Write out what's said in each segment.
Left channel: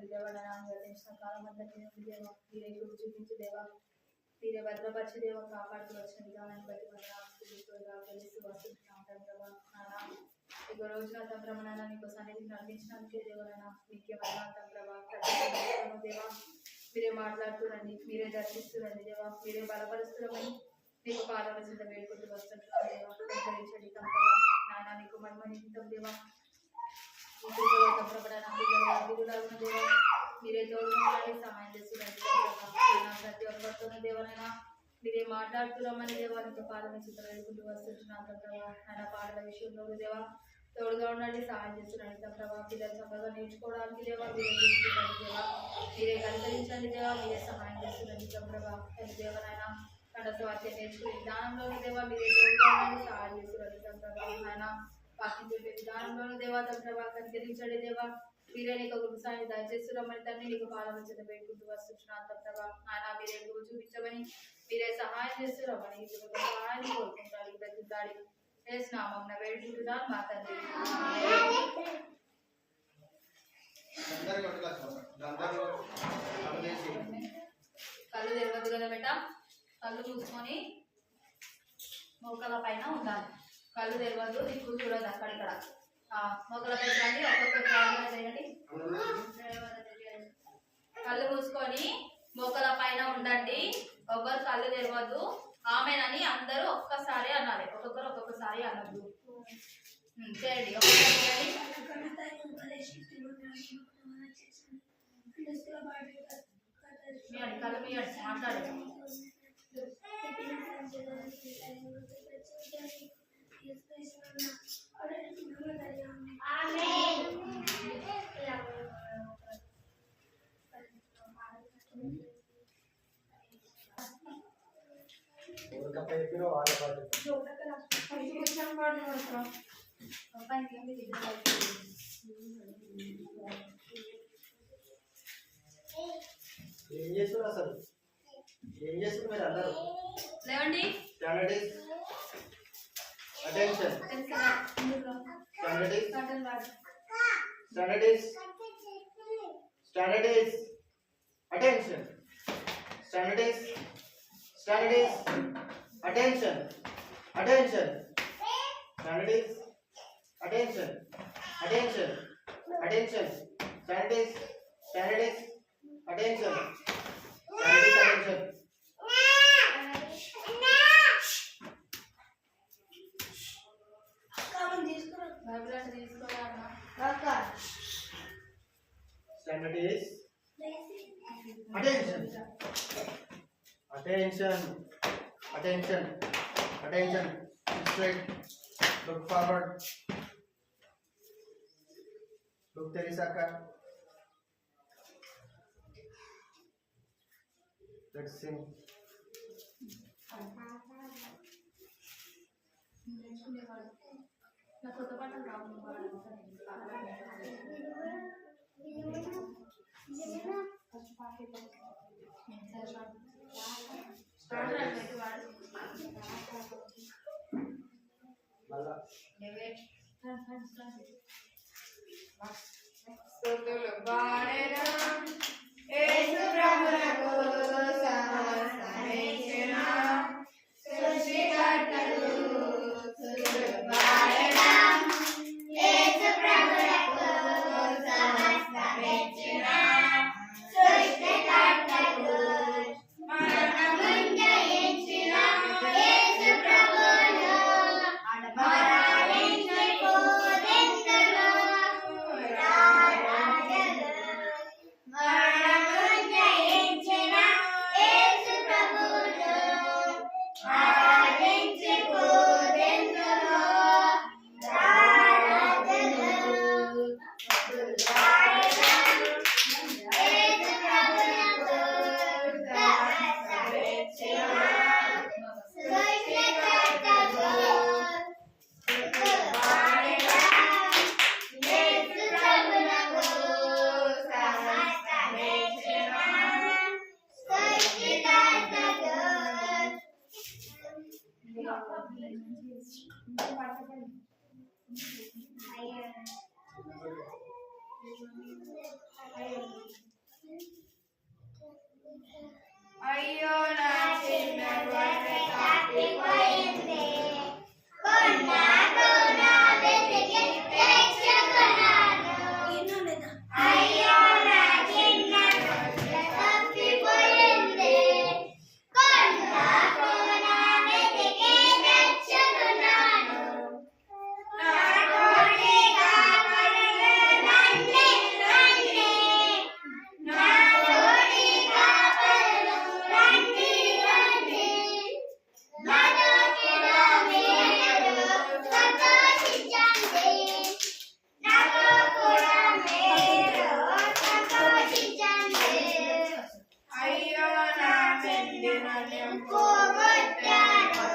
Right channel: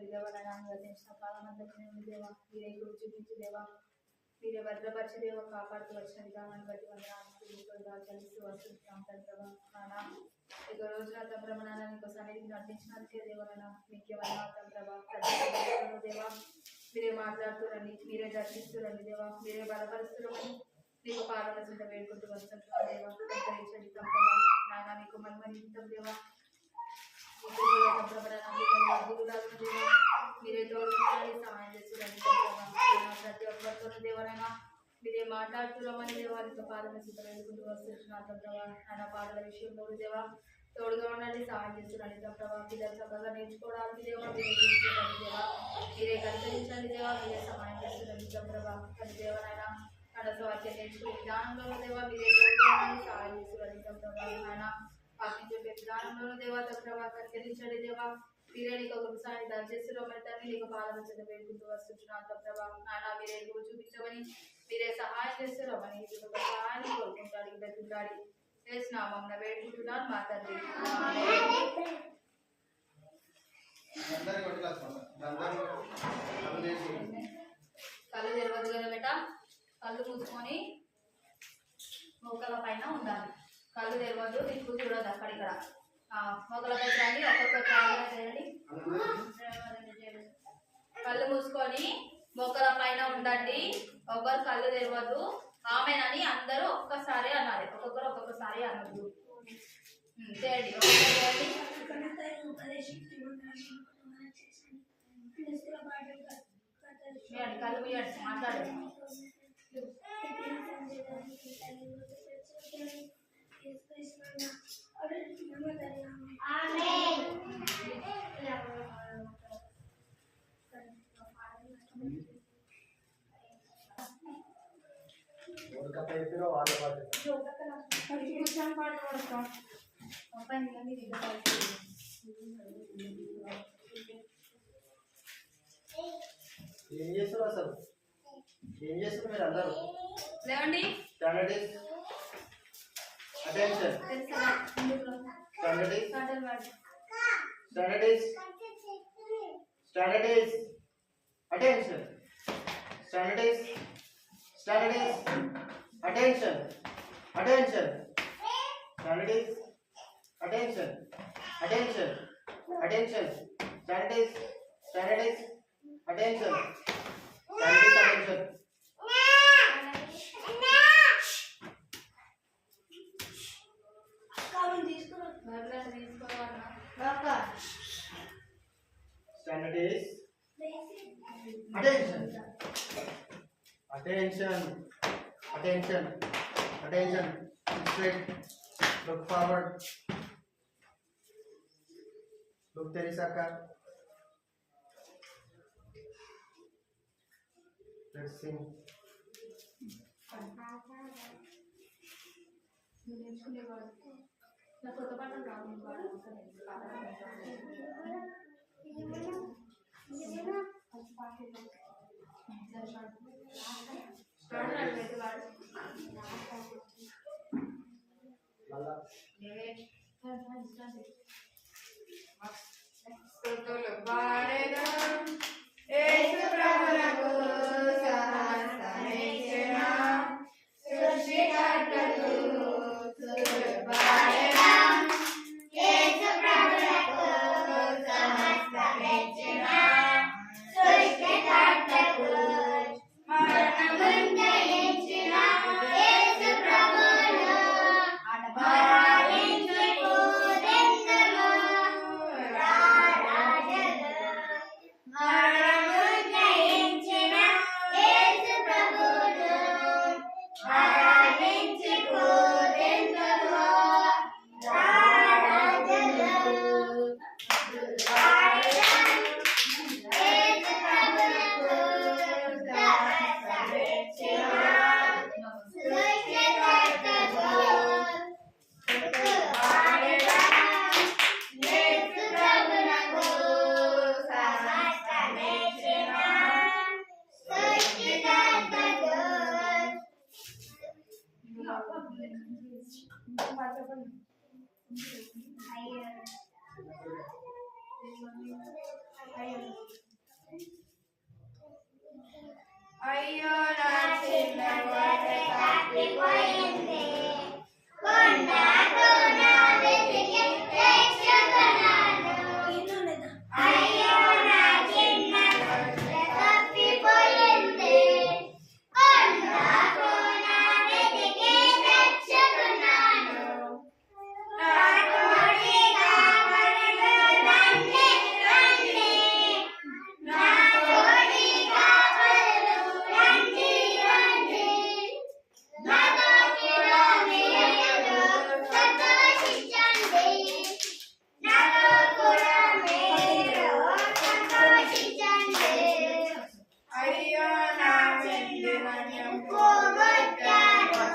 చూడండి దేవా, నన్ను అనుగ్రహించిన కాలం అంతా తినండి దేవా, మీరే కృప చూపించి దేవా, మీరే భద్రపరిచి దేవా, కాపాడుతూ వచ్చిన విధానాన్ని బట్టి కలిసి వస్తుంటున్నాం ప్రభా. నాన్న ఇక రోజున తండ్రమ నాన్న నీకు సన్నిధికి నడిపించినందుకే దేవనైనా మీకే వందనాలు ప్రభా. ప్రతి దేవా మీరే మాట్లాడుతురండి, మీరే దర్శిస్తురండి దేవా, మీరే బలపరుస్తురమని నీకు పాదల చింత వేడుకుంటూ వస్తుంటున్నాం దేవా. ఉద్ధరించండి తండ్రమా నాయన, నీకు మహిమనితం దేవా, దేవా మీరే తోడుగా సహాయం చేస్తురండి ప్రతి ఒక్కరితోనూ దేవనైనా మీరే మాట్లాడుతున్నామని దేవా, నీకు పాదల చింత వేడుకుంటూ వస్తుంటున్నాం ప్రభా. నాయన పాటల విషయంలో దేవా తోడుగా ఉండండి, సహాయం చేస్తున్నాడు ప్రభా. పిల్లలు చక్కగా నేర్చుకోవడానికి దేవా మీరే చూస్తున్నాడు దేవా, మీరే కనుకరించండి దేవా, మీరే సహాయం చేస్తున్నాడు ప్రభా. కానీ దేవనైనా కనస వాక్యం నేర్చుకునే విధానంలో దేవా మీరే తోడుగా ఉండండి, సహాయం చేస్తున్నాడు ప్రభా. ఆయన వాక్యం చెప్పే విధానంలోనూ దేవా ప్రభా కనుకరించండి దేవా, మీరే నీకు ఒక విషయాన్ని దయచేస్తున్నామని తండ్రి నీకు పాలన చేత వేడుకుంటూ వస్తున్నాను ప్రభా. ఆయన మీరే నువ్వు చూపించమని మీరే సహాయం చేస్తున్నామని సహాయాన్ని కోరుకుంటాడు బ్రతుకుతాడు నామం వేడుకుంటున్నాను మా తండ్రి. కళ్ళు తెరవద్దు కదా బెట, కళ్ళు మూసుకొని మోకల పైన ఉండాలి. కళ్ళు తెరవద్దు, నీకు చూడదు అక్కడిక్కడ. మోకల పైన రండి, ఒక్కొక్క చేయండి. కళ్ళు మూసుకొని మోకల పైన ఉండండి, ఒక్కరు కళ్ళు తెరవద్దు. ఆమెనని అందరూ ఒక్కసారి అనాలి, ఒక్కొక్కసారి అనద్దు. చేయండి, ఒక్కసారి చేయండి. కళ్ళు మీయండి, మాట్లాడండి. ఏం చేస్తున్నారు అసలు? ఏం చేస్తున్నారు మీరు అందరూ? లేవండి. Standard attention. Standard attention. Standard attention. Attention. Standard attention. Attention. Attention. Standard attention. Standing attention. Standard is attention. Attention. Attention. Attention. Straight. Look forward. Look Terisaka. Let's sing. అయ్యో నా చిన్న గొర్రె తప్పిపోయింది కొండకు నా వెతికి తెచ్చుకున్నాను అయ్యో నా చిన్న గొర్రె తప్పిపోయింది కొండకు నా వెతికి తెచ్చుకున్నాను నా కోడి కాపరులు రండి రండి నా కోడి కాపరులు రండి రండి నాలో కూడా మీరు సంతోషించండి నాలో కూడా మీరు సంతోషించండి అయ్యో నా వెండి నన్ను పోగొట్టాను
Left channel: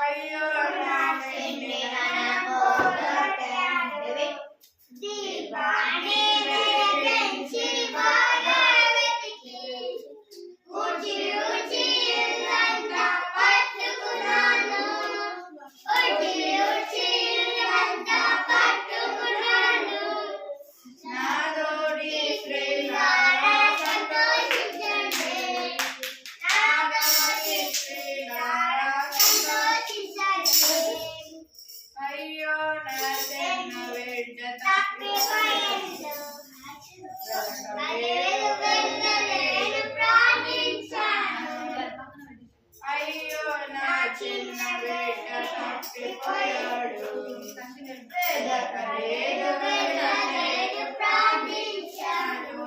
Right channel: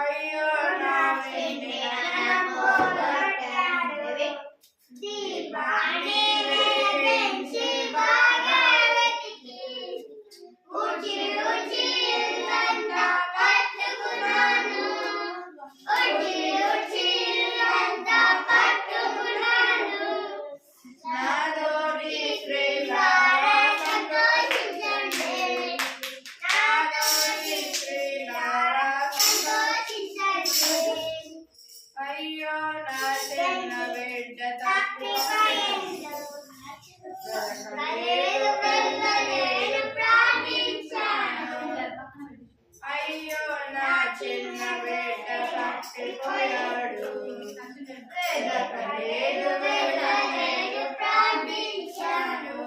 అయ్యో నా వెండి నన్ను పోగొట్టాను దీపాన్ని వెలిగించి బాగా వెతికి ఊచి ఊచి ఇల్లంతా పట్టుకున్నాను ఊచి ఊచి ఇల్లంతా పట్టుకున్నాను నాదోడి శ్రీలారా సంతోషించండి నాదోడి శ్రీలారా సంతోషించండి అయ్యో నా చిన్న బిడ్డ తప్పిపోయింది వెళ్ళలేదు వెళ్ళలేదు ప్రార్థించాను అయ్యో నా చిన్న బిడ్డ తప్పిపోయాడు వెదకలేదు వెళ్ళలేదు ప్రార్థించాను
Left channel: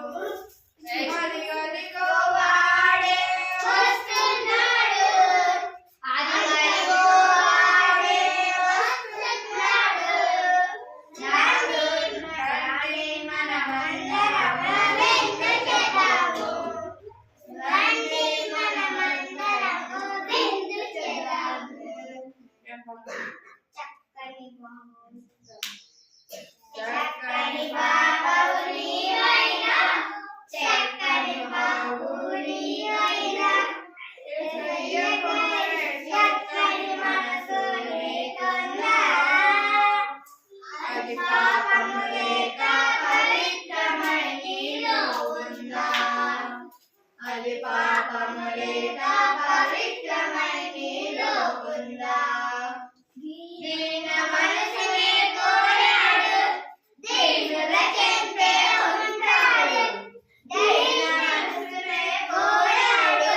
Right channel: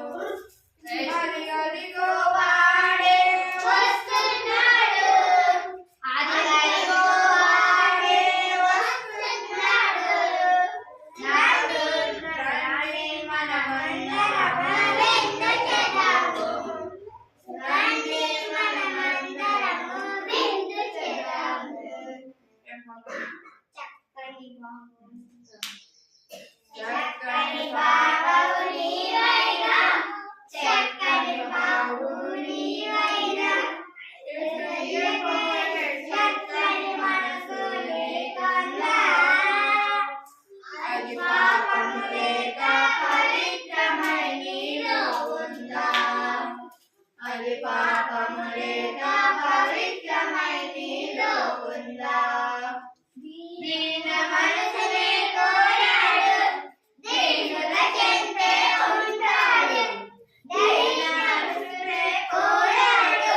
అదిగో వాడే వస్తున్నాడు అదిగో వాడే వస్తున్నాడు రండి మనమందరం విందు చేద్దాము రండి మనమందరము విందు చేద్దాము చక్కని బాబు నీవైనా చక్కని బాబు నీవైనా చక్కని మనసు నీకన్నా అది పాపము లేక పవిత్రమై నీలో ఉందా అది పాపము లేక పవిత్రమై నీలో ఉందా దీన మనసునే కోరాడు దీనుల చెంతే ఉంటాడు దీన మనసునే కోరాడు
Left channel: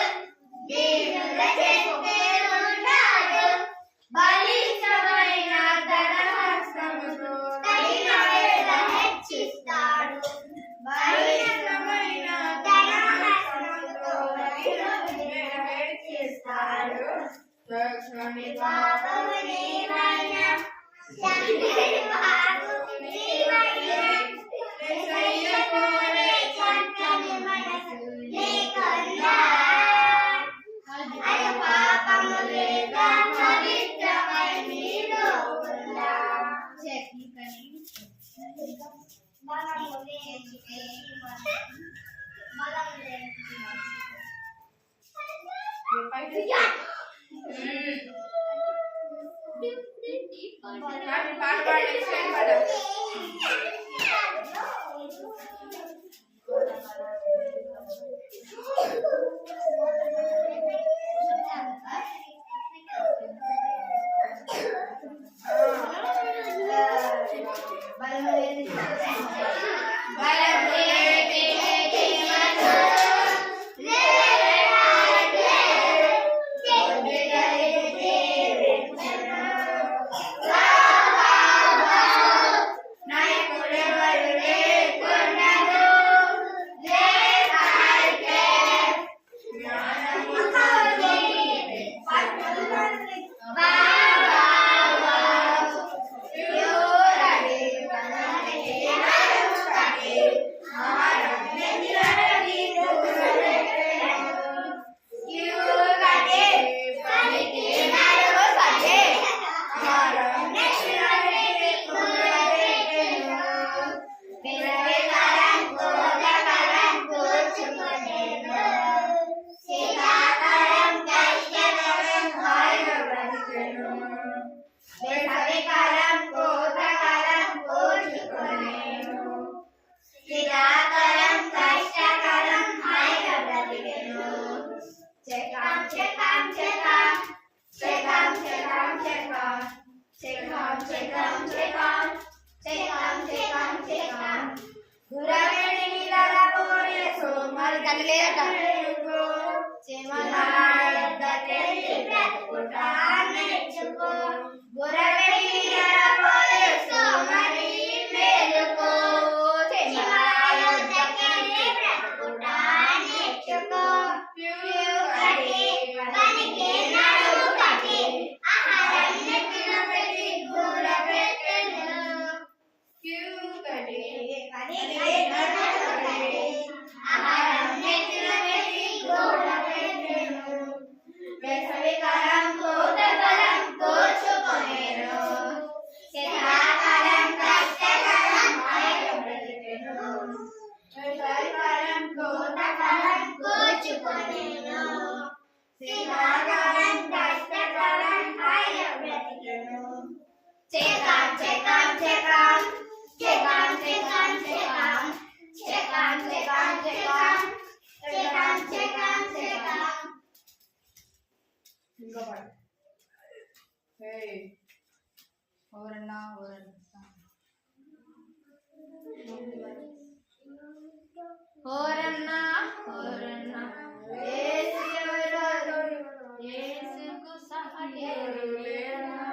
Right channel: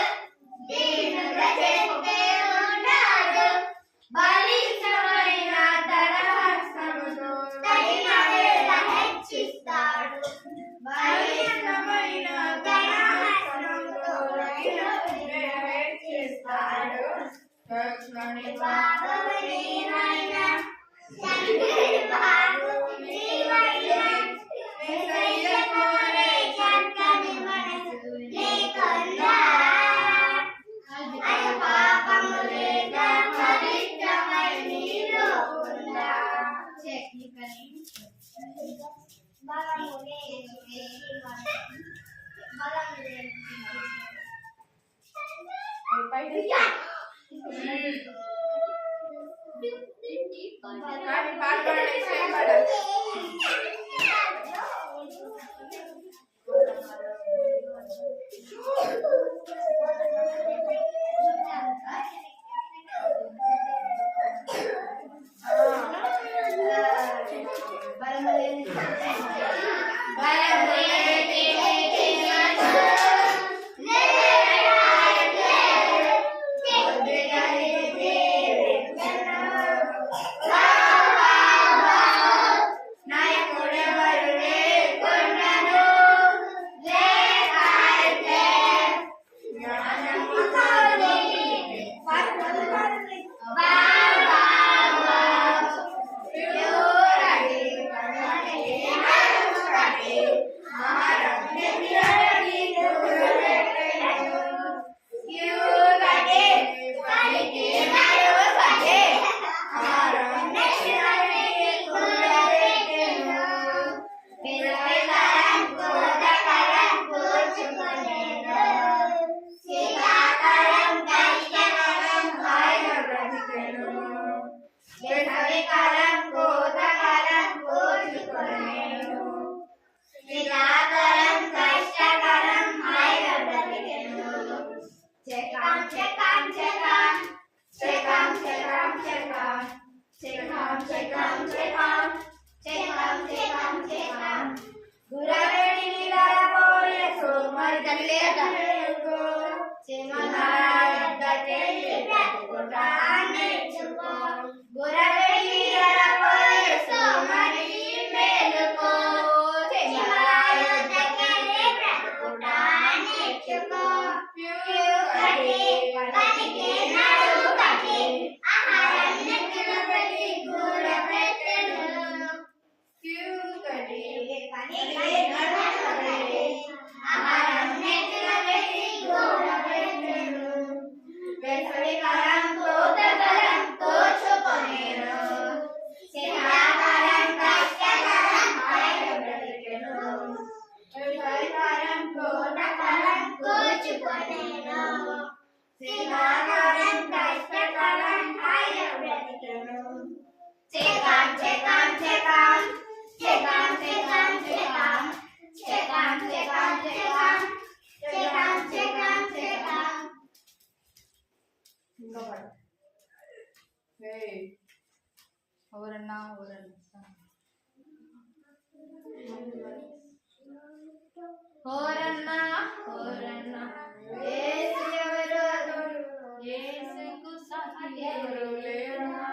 దీనుల చెంతే ఉంటాడు బలిష్టమైన తన హస్తముతో తగిన వేళ హెచ్చిస్తాడు బలిష్టమైన తన హస్తముతో తగిన వేళ హెచ్చిస్తాడు చక్కని పాపము నీవైనా చక్కని పాపము నీవైనా యేసయ్య కోరే చక్కని మనసు నీకన్నా అది పాపము లేక పవిత్రమై నీలో ఉందా నాయకుడే గురవేడి నిద్రపోయే సోమరి తల్లేట చెమలాయొద్దకెళ్ళి బ్రతుకుట నేర్చుకో గురవేడి నిద్రపోయే సోమరి మేలుకో చెమలాయొద్దకెళ్ళి బ్రతుకుట నేర్చుకో పనికి నడుము కట్టి ఆహారం నెత్తిన పెట్టి కూడబెట్టెను ఆహారం నెత్తిన పెట్టి కూడబెట్టెను వేసవి కాలం కోతకాలం కోర్చుకొనేను శీతాకాలం కష్టకాలం హాయిగా బ్రతికెను వేసవి కాలం కోతకాలం కోర్చుకొనేను శీతాకాలం కష్టకాలం హాయిగా బ్రతికెను చెకాం చెకాం చెకాం చెకాం చెకాం చెకాం చెకాం చెకాం చెకాం చెకాం చెకాం చెకాం ఇంకా పాడు ఎవరన్నా ఓరన్నా ఓరన్నా యేసు ఎవరు యేసుకు సాటి ఎవరు లేరన్నా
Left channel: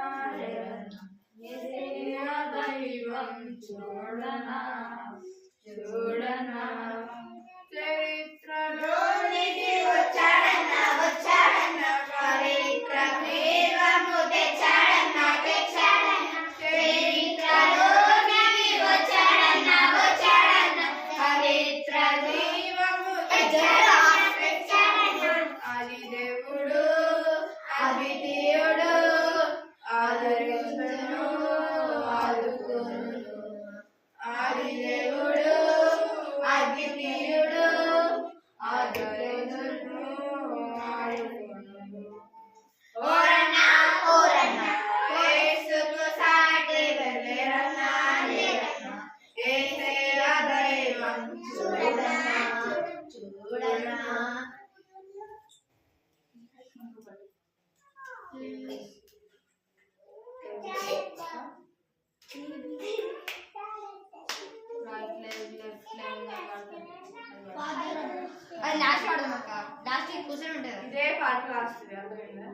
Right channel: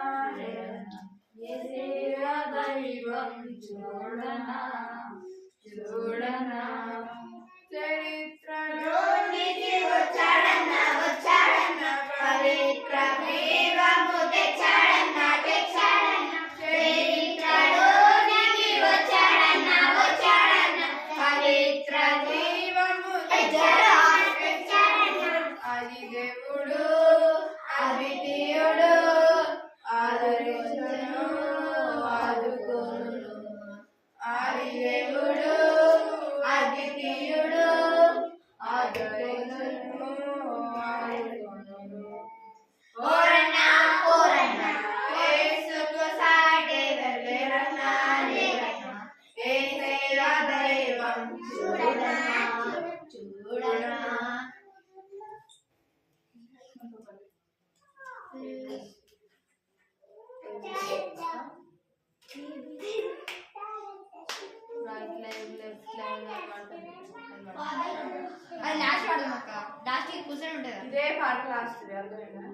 యేసయ్య దైవం చూడనా చూడనా చరిత్రలోనికి వచ్చాడన్నా పవిత్ర ప్రేమము తెచ్చాడన్నా చరిత్రలోనికి వచ్చాడన్నా పవిత్ర దైవము తెచ్చాడన్నా అది దేవుడు అద్వితీయుడు ఆదరించును ఆదుకొనును ఆది దేవుడు అద్వితీయుడు ఆదరించును ఆదుకొనును ఓరన్నా ఓరన్నా యేసుకు సాటి లేరన్నా యేసయ్య దైవం చూడనా చూడనా అది లాస్ట్ వాడదాం అక్క లాస్ట్ కూర్చొని ఉంటుంది ఇదే పాట లాస్ట్ అర్థమైందా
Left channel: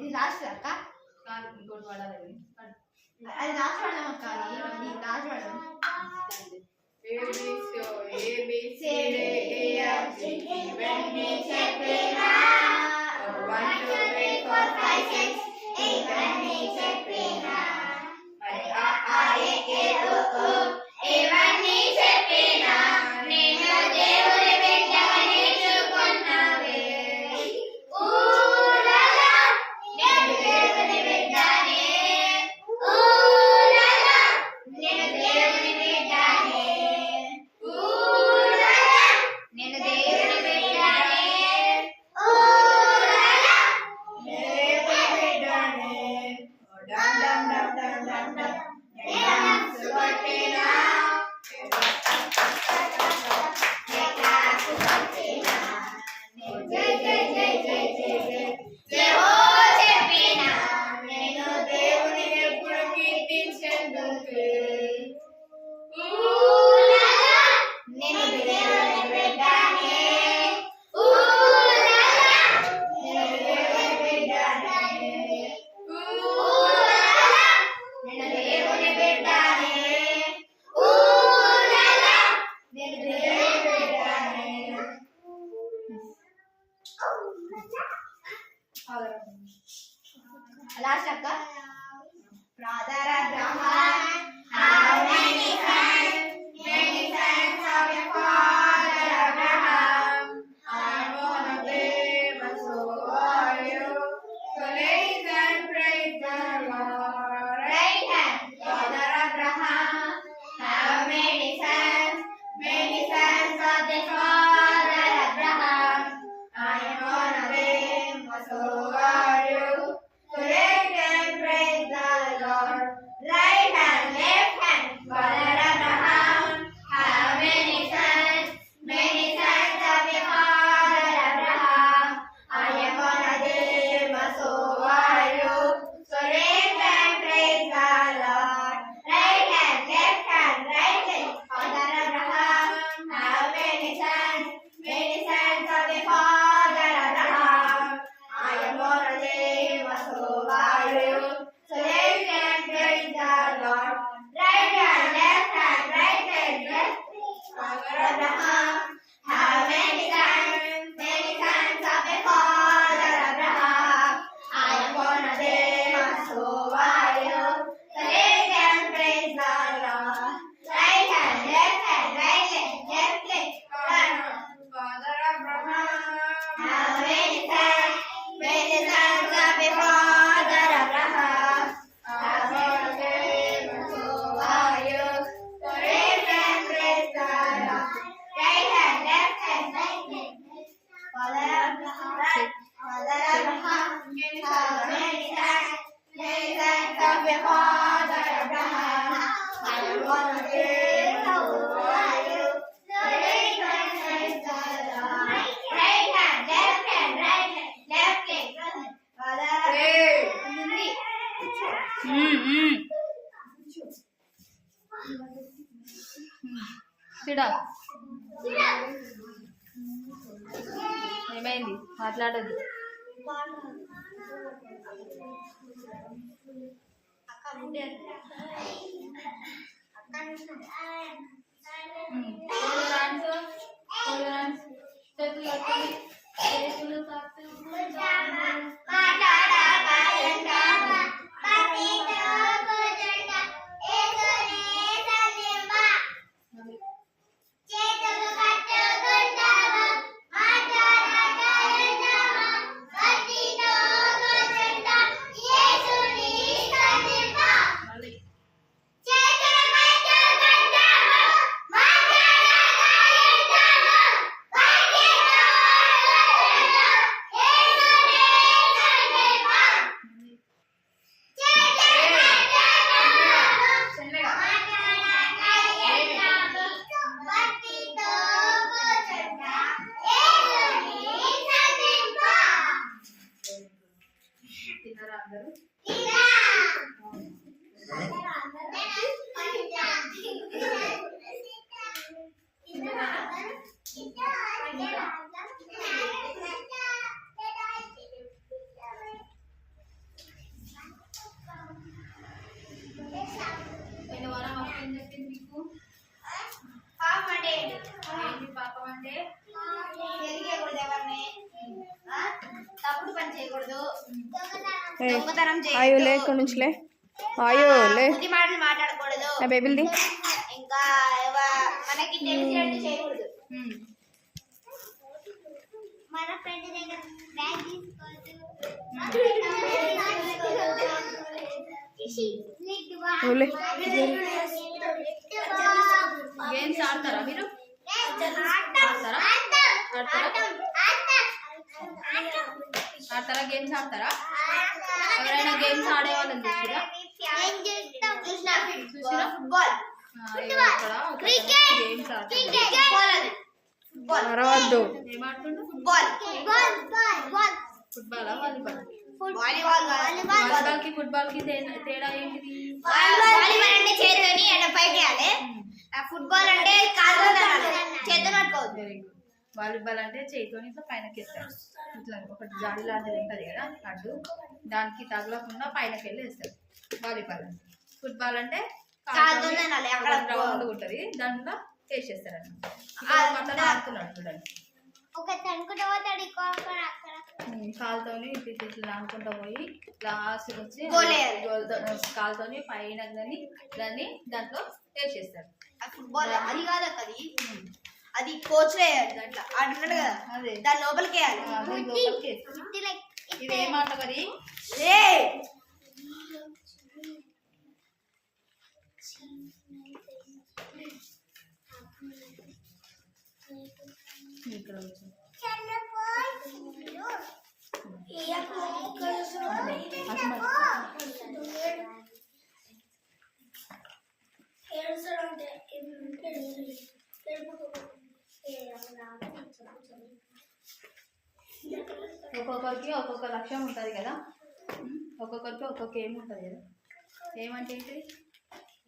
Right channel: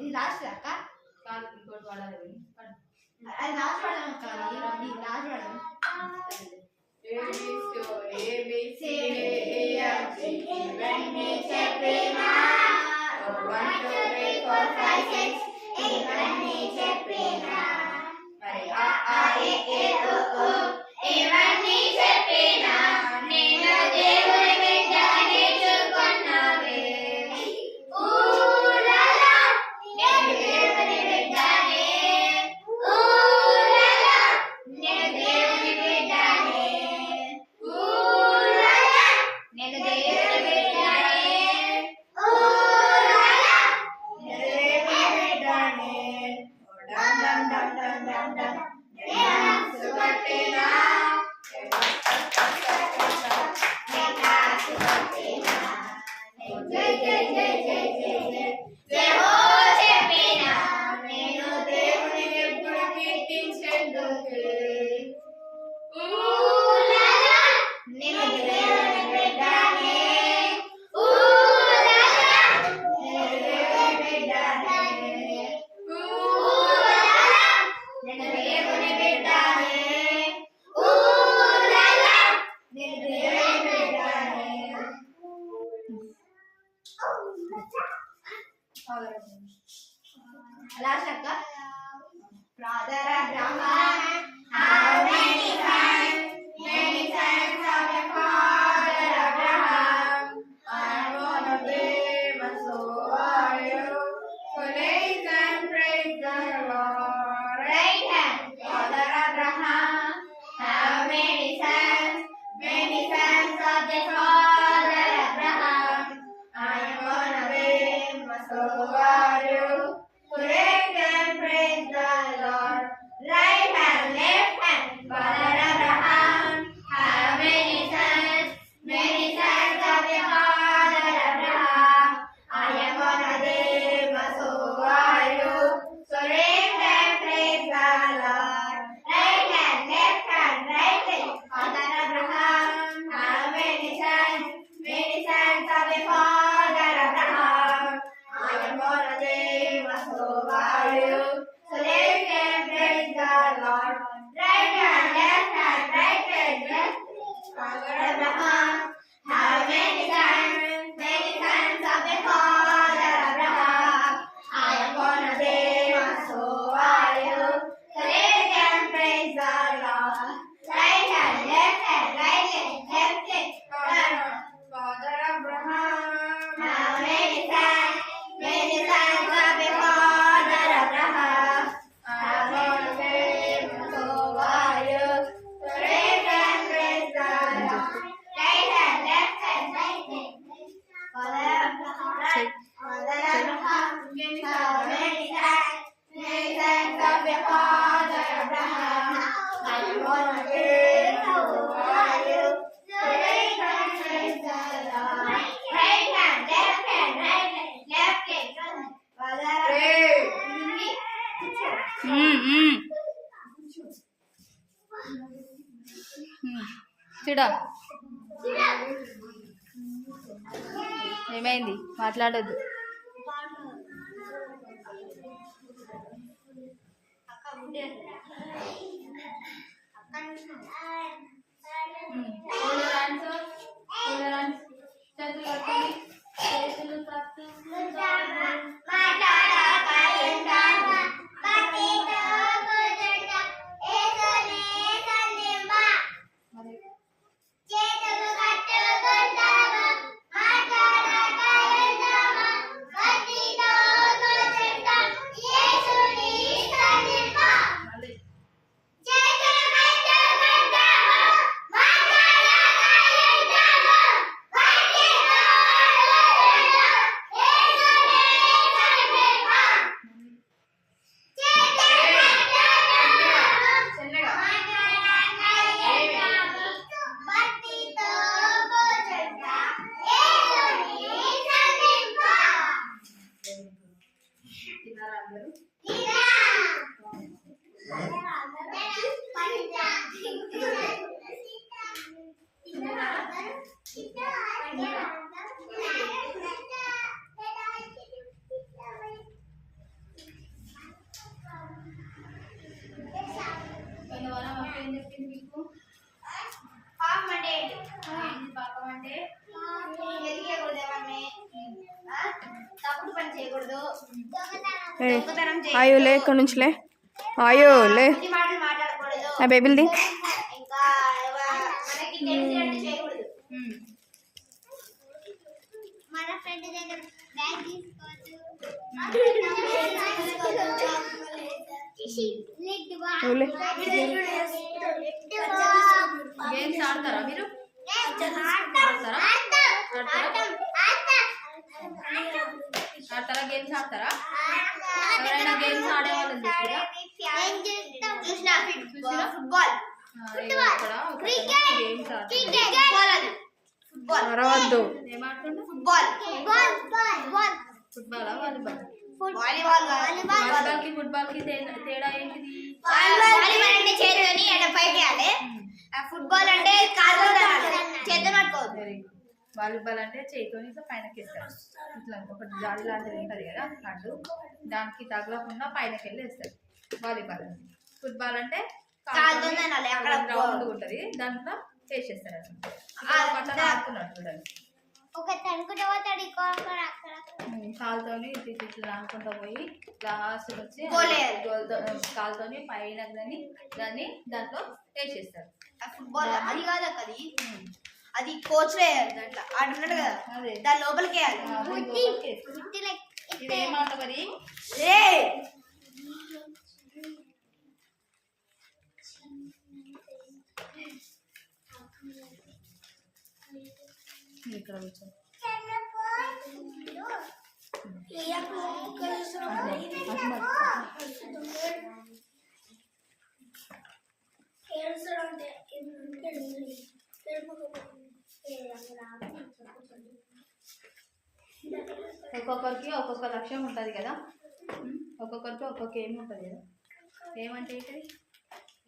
ఇది లాస్ట్ అక్క కాదు ఇంకోటి వాడాలి అది లాస్ట్ వాడదాం అక్క ఇది లాస్ట్ వాడదాం ఇవన్నీ చెప్పినా 1 2 3 4 5 6 ఇవన్నీ చెప్పినా మరి ఇవన్నీ చెప్పినా నేను దేవుడి బిడ్డ నేర్చుకున్నావే ఊరలా నేను దేవుడి బిడ్డనే ఊరలా నేను దేవుడి బిడ్డనే ఊరలా నేను దేవుడి బిడ్డనే ఊరలా దేవుడి బిడ్డనే డం డం డం డం డం డం నేను సువర్తినా జై జై జై జై జై జై జై హో చెప్పినా నేను దేవుని ఎప్పుడు కీర్తించేందుకు ఊరలా నేను దేవుని బిడ్డనే ఊరలా నేను దేవుని బిడ్డనే ఊరలా నేను దేవుని బిడ్డనే ఊరలా నేను దేవుని బిడ్డనే లాస్ట్ అక్క Brother Abraham, how many sons of your father Abraham? I'm one of them, and so are you. So raise and praise the Lord. Right hand, Father Abraham, how many sons of the father Abraham? I am one of them, so are you. So raise and praise the Lord. Right hand, left hand, Father Abraham, how many sons of the father Abraham? I am one of them, so are you. So raise and praise the How many sons? Many sons of your father Abraham. I wanna be for you. So raise your hands to the Lord. Right hand, left hand, right hand, left leg. Father చూడ ఏమైంది మాట్లాడొద్దు. చేతులు తిన్నారా అందరూ? ఏం చెప్పింది మీకు? పాపం అంటే ఏంటి పాపం అంటే? తప్పుడు పని చేయకూడదు, ఆయో లే ఇక్కడ నుంచిలే ఆయో లే మాటలు మాట్లాడకూడదు, నా బేబీలది ఇంకా మనకి తెలిసినట్టు చేయకూడదు. మన ఫ్రెండ్ దగ్గర బ్యాగ్ తీసుకోవచ్చు. గేమ్స్ ఆడతారా మీరు? ఆడతారా? ఆడతారా? గేమ్స్ ఆడతారా? ఎవరైనా గేమ్స్ ఆడే వాళ్ళని చూసిరా? ఫుట్బాల్ ఇక్కడ గేమ్స్ ఆడతారు. అరవద్దు. ఏం ఆడుతుండ్రు? ఫుట్బాల్ ఫుట్బాలా వాలీబాల్? వాలీబాల్ వాలీబాల్ కి ఫుట్బాల్ కి తేడా ఏంటిది? వాలీబాల్ అంటే చేతితోని అట్లా పైకి వేయాలి, ఫుట్బాల్ అంటే కాలుతో తనాలి, చేతితో పట్టుకోవద్దు. Very good. వాలీబాల్ అంటే చేతితోని ఇట్లా పైనకి వేస్తారు, ఇట్లా ఒకటి జాడి లాంటిది ఉంటుంది కదా అడ్డు, దానికి తగలకుండా పైనకి వెళ్ళి వేస్తారు వాలీబాల్ అంటే. ఫుట్బాల్ అంటే కాలుతో తనాలి, అక్కడ రౌండ్ ఉంటుంది, దాంట్లో వేసేస్తారు అన్నమాట. ఆడుతున్నాడు చూడండి, కాలుతోని ఇట్లా అనుకుంటా పోయి లాస్ట్ వచ్చి కాలుతోని పైన దాన్ని దాంట్లో వేసేస్తారు. ఫుట్బాల్ అది కాదు అక్క, అది కోచ్ వేయాలి, దాంట్లో ఆడుతున్నాడు కదా అదే దాని లోపలికి వేయాలి. ఇది ఏమాట మరి? ఇక్కడ కూర్చో. ఒక్కొక్కరికి ఒక్కొక్క లక్ష్యం ఉంటుంది కదా, ఒక్కొక్కరికి ఒక్కొక్క ఏం ఉంటుంది కదా. ఏమంటే ఏంటి?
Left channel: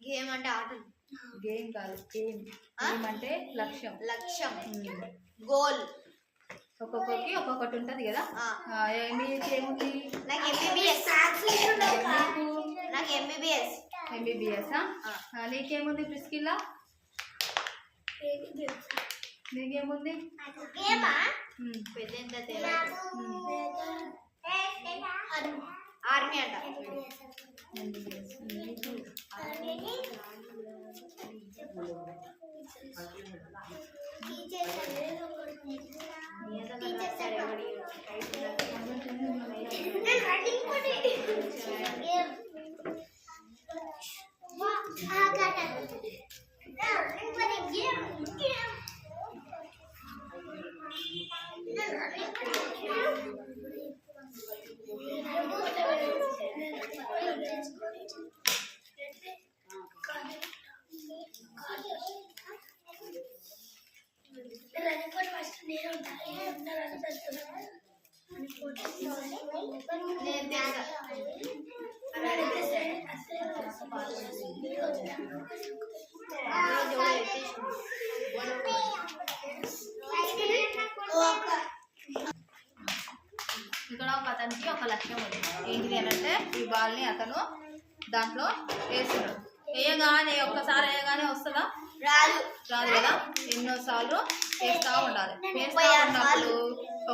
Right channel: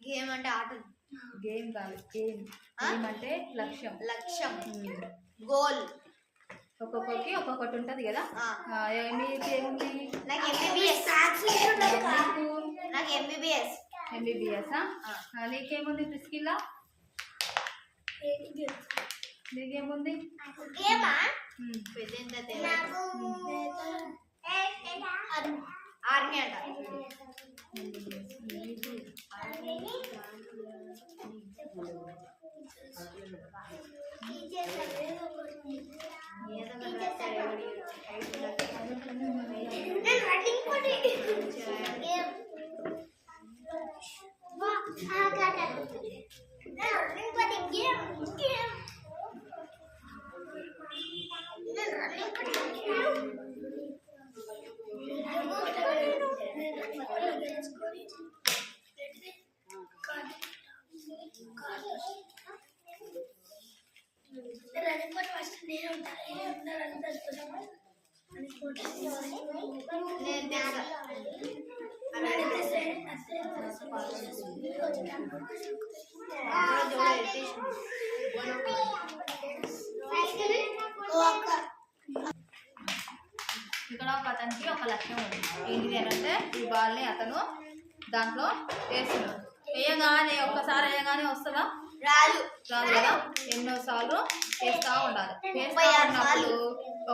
గేమ్ అంటే ఆటలు. గేమ్ కాదు, ఏం అంటే లక్ష్యం. లక్ష్యం, గోల్. ఒక్కొక్కరికి ఒక్కొక్కటి ఉంటుంది కదా. మీకు ఏముంది? నాకు ఎంబీబీఎస్. నాకు ఎంబీబీఎస్. ఎంబీబీఎస్. నీకేముంది ప్రిస్కిల్లా? నీకేముంది? ఆర్మీ అంట. నేను తెలుసా ఇక్కడ ఒక అతనికి ఒక లక్ష్యం ఉంది. ఏంటిది అని అంటే ఈ బాల్ని అతను దాంట్లో వేస్తున్నాడు. వేయగానే ఒక్కసారి వేయగానే వస్తుందా? రాదు. రాదు కదా. ఎన్నోసార్లు వేస్తూ ఉండాలి. వేస్తూ ఉన్నప్పుడు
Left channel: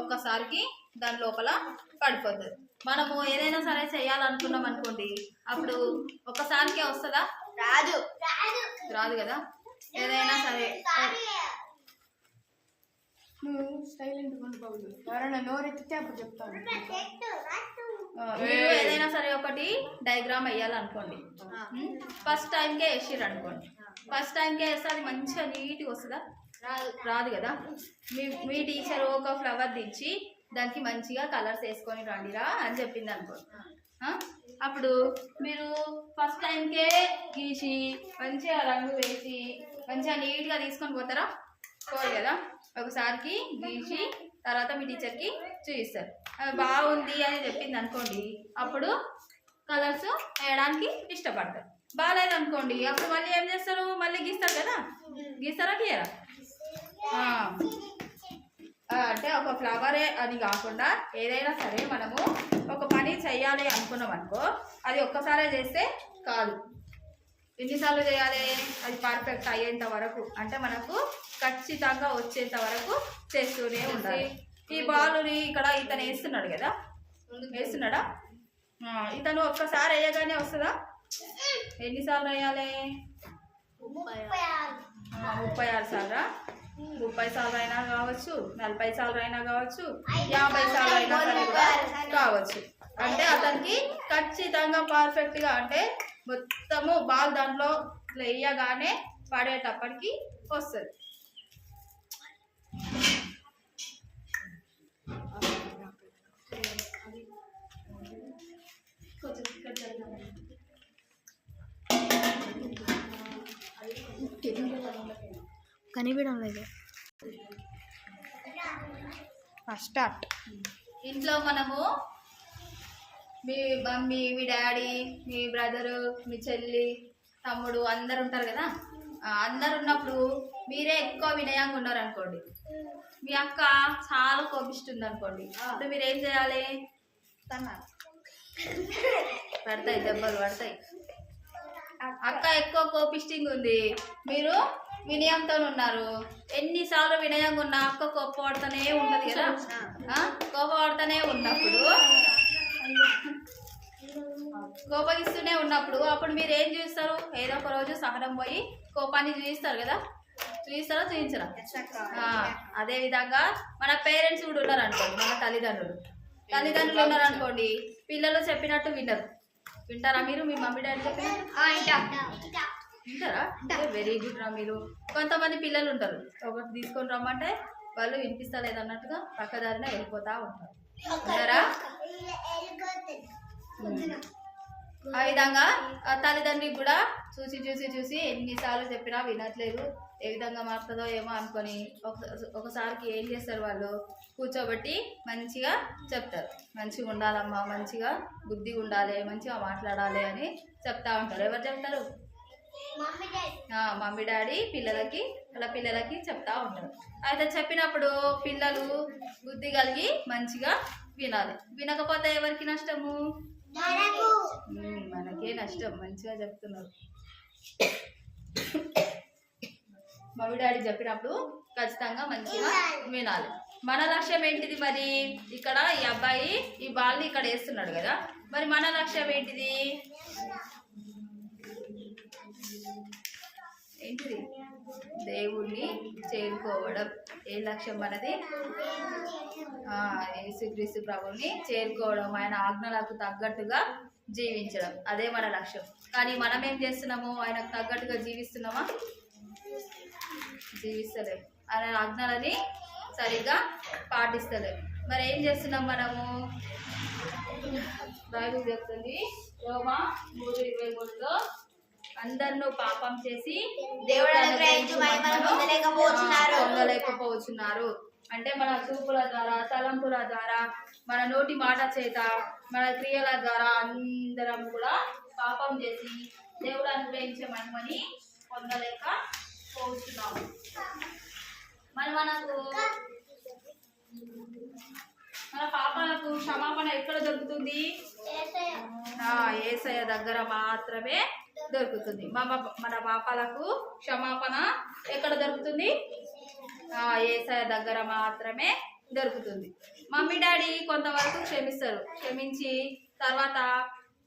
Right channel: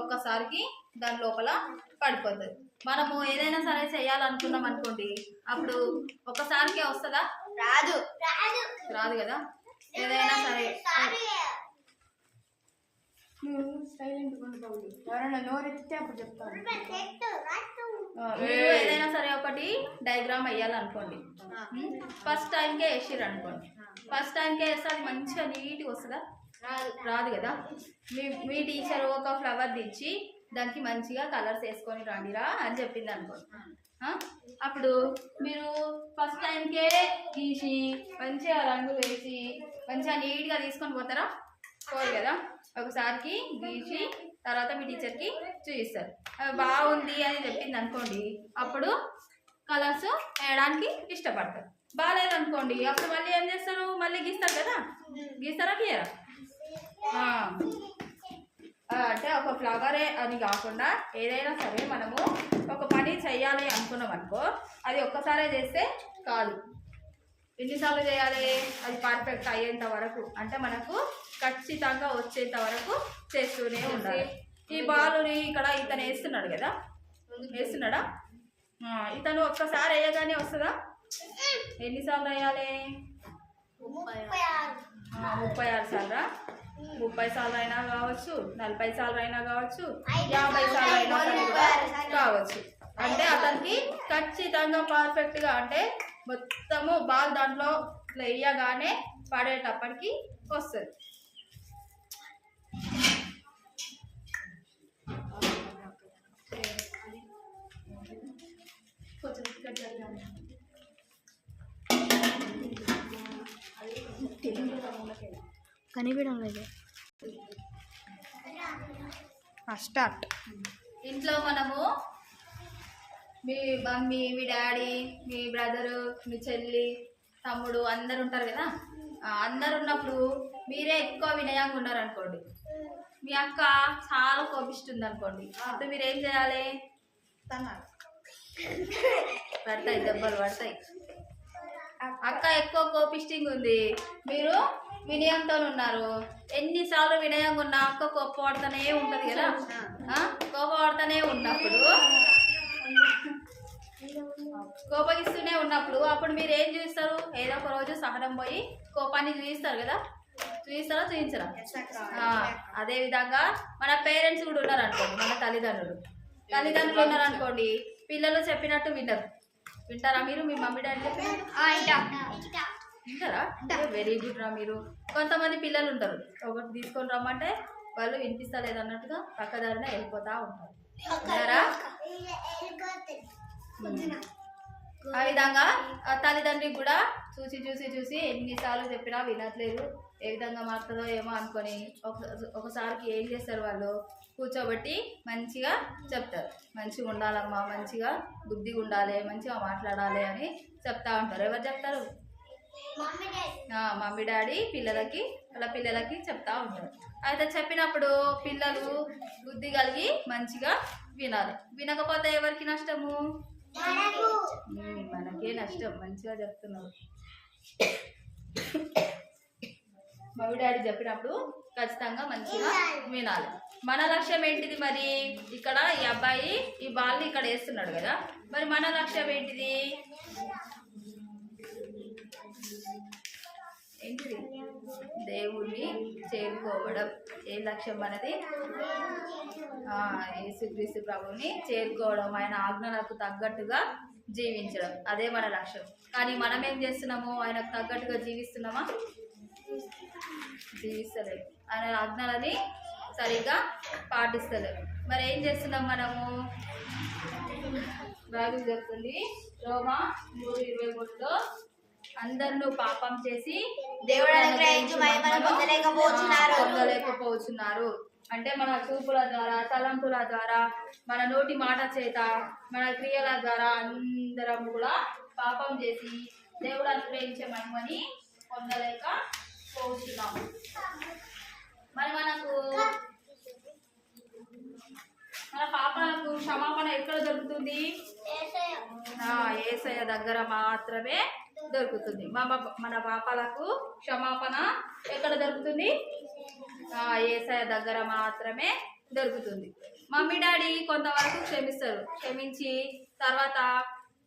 ఒక్కసారికి దాని లోపల పడిపోతుంది. మనము ఏదైనా సరే చేయాలనుకున్నాం అనుకోండి, అప్పుడు ఒక్కసారికే వస్తుందా? రాదు. రాదు కదా. ఏదైనా సరే మీరు ఏదైనా సరే ఒకటి డయాగ్రామ్ వేయాలనుకోండి. ఫస్ట్ టైంకే వేసిర్రు అనుకోండి, ఫస్ట్ టైంకే వేస్తే అది మంచిగా నీట్గా వస్తుందా? రాదు కదా. మీ టీచర్ ఒక ఫ్లవర్ తెచ్చి దానికి మంచిగా కలర్స్ వేసుకొని రండిరా అని చెప్పింది అనుకోండి. అప్పుడు మీరు ఫస్ట్ టైంకే గీసి మంచిగా రంగు వేసి మంచిగా నీట్గా తీసుకొని పోతారా? పోదు కదా. ఒకసారికి గీసి తర్వాత మీ టీచర్కి చూపిస్తారు. అవి బాగుంది అని చెప్పింది అనుకోండి, అప్పుడు కలర్స్ వేయడానికి ఇష్టపడతారు. బాగాలేదు అనుకోండి, అప్పుడు మళ్ళీ ఏం చేస్తారు? మళ్ళీ గీస్తారు కదా. గీస్తారా గీయరా? అంటే ఒక ఫ్లవరే అని కాకుండా ఏదైనా సరే మనము ఒక పని చెయ్యాలి అనుకున్నాం అనుకో, అది ఒక్కసారే చేస్తే కాదు. ఎన్నిసార్లు చేయాలి? అది పర్ఫెక్ట్ అయ్యేంత వరకు, అంటే మనకు ఖచ్చితంగా వచ్చేంత వరకు చేస్తూనే ఉండాలి. ఈ బాలుని ఇక్కడ ఇతను వేస్తున్నాడు కదా, వేస్తున్నాడా? ఇతను ఒక్కసారి వేయగానే వస్తుందా? ఎన్నిసార్లు వేయాలి? 36 సార్లు. 30 సార్లు అయినా కావచ్చు, 40 సార్లు అయినా కావచ్చు, 50 సార్లు అయినా కావచ్చు. అంటే అతనికి ఖచ్చితంగా పర్ఫెక్ట్గా, అంటే మొత్తము బాల్ దాంట్లో వేయగానే పడేటప్పటికి వస్తుంది. కనిపించడం లేదు. స్టార్ట్. ఇంట్లో మనము మీ మమ్మీ, మీ డాడీ, మీ బ్రదరు, మీ చెల్లి, తమ్ముడు అందరు ఉంటారు కదా. అందరు ఉన్నప్పుడు మీరే ఎక్కువ వినయంగా ఉన్నారు అనుకోండి, మీ అక్క చాలా కోపిస్తుంది అనుకోండి, అప్పుడు మీరు ఏం చేయాలి? పడతాయి, దెబ్బలు పడతాయి. అక్క ఎక్కువ కోపిస్టింగ్ ఉంది, మీరు వినయంతో ఉన్నారు. ఎన్నిసార్లు వినయంగా ఉన్నా అక్క కోపపడుతూనే ఉంటుంది కదా. కోపపడుతూనే ఉన్నప్పుడు, కోపగిస్తూనే ఉన్నప్పుడు అప్పుడు మీరు ఏం చూస్తారు? ఏదో ఒక రోజు సహనం పోయి కోపాన్ని చూపిస్తారు కదా. చూపిస్తారా? చూపించరా? అదేవిధంగా మన పేరెంట్స్ కూడా ఉన్నారు అనుకోండి, మన తల్లిదండ్రులు ఉన్నారు అనుకోండి, పిల్లలు చెప్పినట్టు వినరు. వింటారా మీరు? మీ మమ్మీ డాడీ చెప్పినట్టు వింటారా? వెరీ గుడ్ రా. మీరు కొంతమంది పిల్లలు ఉంటారు, ఒకటి తీసుకొని రమ్మంటే వాళ్ళు వినిపిస్తలేదు అన్నట్టుగా పక్కదారిన వెళ్ళిపోతూ ఉంటారు. ఉన్నారా? ఆ విధంగా తల్లిదండ్రికి కూడా చూసి చూసి చూసి ఎన్నిసార్లు చెప్పినా వినట్లేదు, ఏ విధంగా మారుతుందో ఏమో అనుకొని ఒకసారికి ఏం చేస్తారు? వాళ్ళు కూర్చోబెట్టి మంచిగా చెప్తారు. మంచిగా ఉండాలమ్మా, మంచిగా బుద్ధిగా ఉండాలి, మంచిగా మాట్లాడాలి అని చెప్తా ఉంటారు. ఎవరు చెప్తారు? మమ్మీ డాడీ పిల్లలకి చెప్తా ఉంటారు. అయితే చెప్పినప్పుడు పిల్లలు బుద్ధి కలిగి మంచిగా వినాలి. వినకపోతే ఎవరికి నష్టము? మనకే నష్టం. మంచిగా చెప్తున్నారు. మమ్మీ డాడీ చెప్పినప్పుడు ఖచ్చితంగా మంచిగా వినాలి. మన లక్ష్యం ఏంటిది మరి? ఇక్కడ ఈ అబ్బాయి ఈ బాల్ని ఇక్కడ వేస్తున్నాడు కదా, మరి మన లక్ష్యం ఏంటిది? ఏంటిది? దేవుణ్ణి చేరుకోవడం. ఏ లక్ష్యం మనది? యేసుక్రీస్తు ప్రభువుని చేరుకోవడం, ఆయన ఆజ్ఞలకు తగ్గట్టుగా జీవించడం, అదే మన లక్ష్యం. కానీ మనం ఏం చేస్తున్నాము? ఆయనకు తగ్గట్టుగా జీవిస్తున్నామా? జీవిస్తలేదు. ఆయన ఆజ్ఞలని సరిగ్గా పాటిస్తలేదు. మరి ఏం చేస్తున్నాం మనము? బైబిల్ చెప్తుంది రోమా 3:23లో, అందరినూ పాపం చేసి దేవుడు అనుగ్రహించు మహిమను పొందలేకపోతున్నారు. అంటే మన చూపుల ద్వారా, తలంపుల ద్వారా, మన నోటి మాట చేత, మన క్రియల ద్వారా అందరం కూడా పాపం చేసి దేవుడు అనుగ్రహించే మహిమని పొందలేక పోతున్నాము. మరి మన పాపాలకు క్షమాపణ ఎక్కడ దొరుకుతుంది? యేసయ్య దగ్గర మాత్రమే దొరుకుతుంది. మన పాపాలకు క్షమాపణ ఎక్కడ దొరుకుతుంది? యేసయ్య దగ్గర మాత్రమే దొరుకుతుంది. మమ్మీ డాడీ కొంతవరకు క్షమిస్తారు. క్షమించి తర్వాత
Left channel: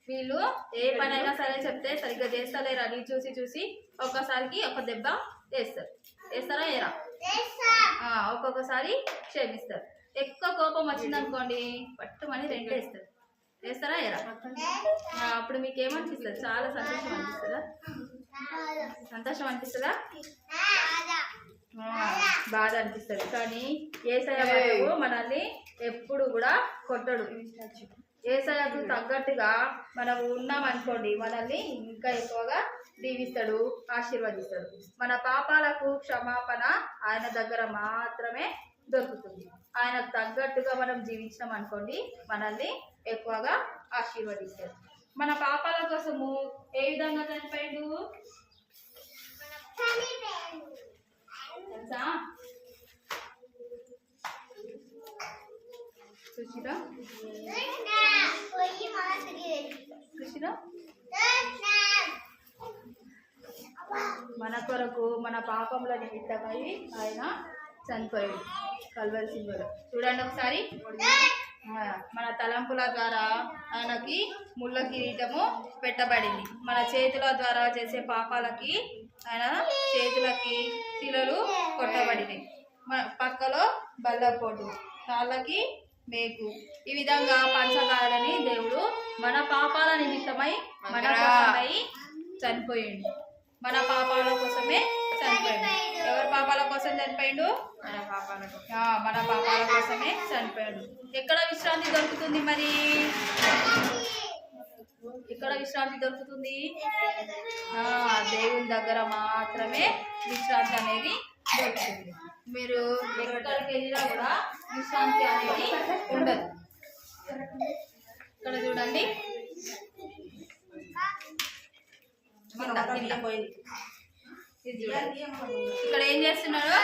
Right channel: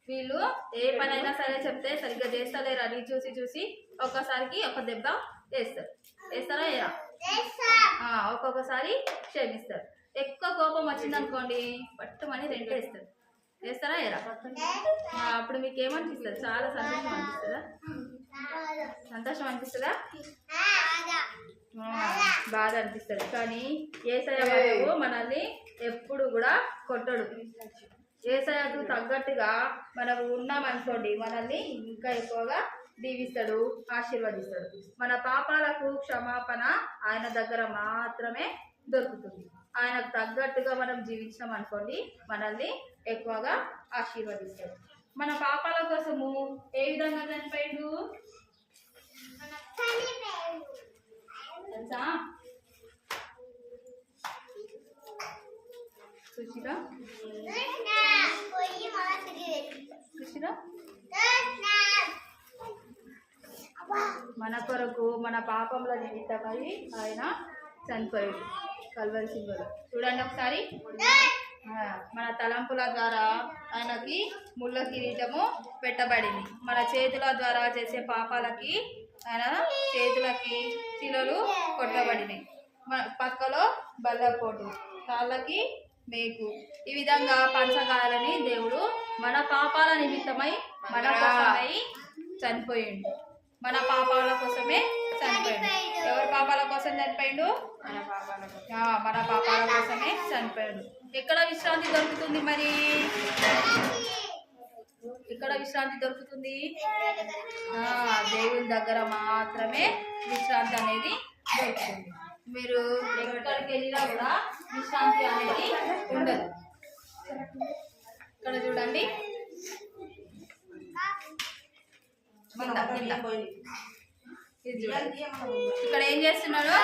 వీళ్ళు ఏ పనైనా సరే చెప్తే సరిగ్గా చేస్తలేరు అని చూసి ఒక్కసారికి ఒక దెబ్బ వేస్తారు. వేస్తారా? ఏరా? ఒక్కొక్కసారి క్షమిస్తారు. ఎక్కువ కోపం వచ్చిందనుకోండి పట్టుమని రెండే వేస్తారు. వేస్తారా? ఏరా? అప్పుడు మీకు ఏమనిపిస్తుంది? చాలా సంతోషం అనిపిస్తుందా? సంతోషం అనిపిస్తుందా? బాధ అనిపిస్తుంది. కానీ యేసయ్య వారు మనల్ని ఎప్పుడు కూడా కొట్టడు. యేసయ్యకు తగ్గట్టుగా మనం ఉన్నామనుకోండి మనల్ని ఇంకా ఎక్కువగా దీవిస్తాడు, ఆశీర్వదిస్తాడు. మన పాపాలకు క్షమాపణ ఆయన దగ్గర మాత్రమే దొరుకుతుంది. ఆయనకు తగ్గట్టుగా మనం జీవించాం అనుకోండి మనల్ని ఎక్కువగా ఆశీర్వదిస్తాడు. మన పాపాల కోసము ఏ విధంగా చనిపోయిండు తెలుసా? చూసిరా? మన కొరకు మన పాపంలో నిమిత్తమై ఆయన చనిపోయాడు కల్వరి సిలువలో. చూడండి ఒకసారి. మన తలంపుల ద్వారా ఆయనకి ముళ్ళ కిరీటము పెట్టబడింది. మన చేతుల ద్వారా చేసే పాపాలకి ఆయన చేతులకి శిలలు కొట్టబడినాయి. పక్కలో బల్లపోటు, కాళ్ళకి మేకు. ఈ విధంగా పంచగాయాలని దేవుడు మన పాపాల నిమిత్తమై మన కోసమై చనిపోయిండు. మన పాపాల కోసమే చనిపోయిండు. ఎవరి పాపాల కోసం చనిపోయిండు? మన పాపాల కోసమే చనిపోయాడు. ఎక్కడ విశ్రాంతి దొరుకుతుంది? మరి ఎక్కడ విశ్రాంతి దొరుకుతుంది? దేవుని దగ్గర మాత్రమే విశ్రాంతి అనేది దొరుకుతుంది. మీరు ఎక్కడికి వెళ్ళినా కూడా విశ్రాంతి అనేది ఉండదు. ఇక్కడ చూడండి, ఇక్కడ ఏం చేస్తున్నారు?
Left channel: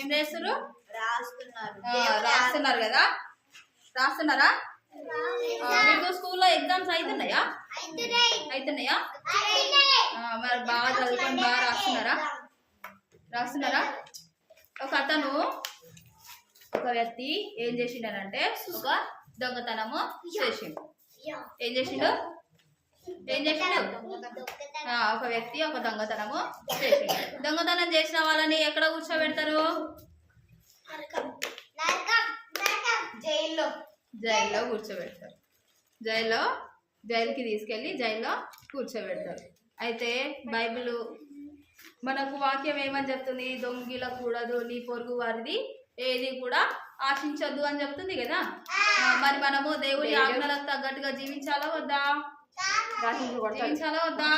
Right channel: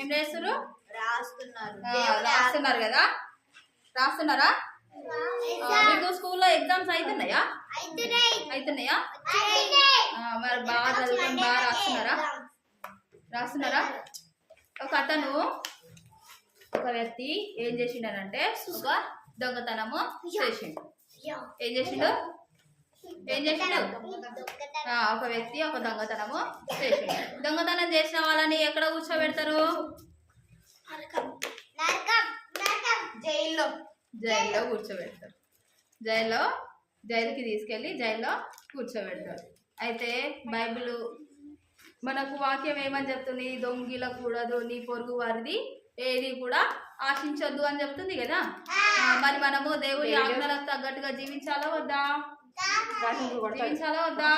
ఏం చేస్తారు? రాస్తున్నారు కదా? రాస్తున్నారా? మీకు స్కూల్లో ఎగ్జామ్స్ అవుతున్నాయా? మరి బాగా చదువుకొని బాగా రాస్తున్నారా? ఒక వ్యక్తి ఏం చేసిండనంటే ఒక దొంగతనము చేసిండు. ఏం చేసిండు? ఒక వ్యక్తి ఒక దొంగతనము చేసిండు. దొంగతనం చేసిన వాళ్ళని ఎక్కడ కూర్చోబెడతారు? జైల్లో కూర్చోబెడతారు. జైలుకి తీసుకెళ్ళి జైల్లో కూర్చోబెడతారు. అయితే బైబిల్ మనకు వాక్యం ఏమని చెప్తుంది? దొంగిలకూడదు, నీ పొరుగు వారిది ఏది కూడా ఆశించొద్దు అని చెప్తుంది కదా. మరి మనము దేవుడి ఆజ్ఞలకు తగ్గట్టుగా జీవించాలా వద్దా? జీవించాలా వద్దా?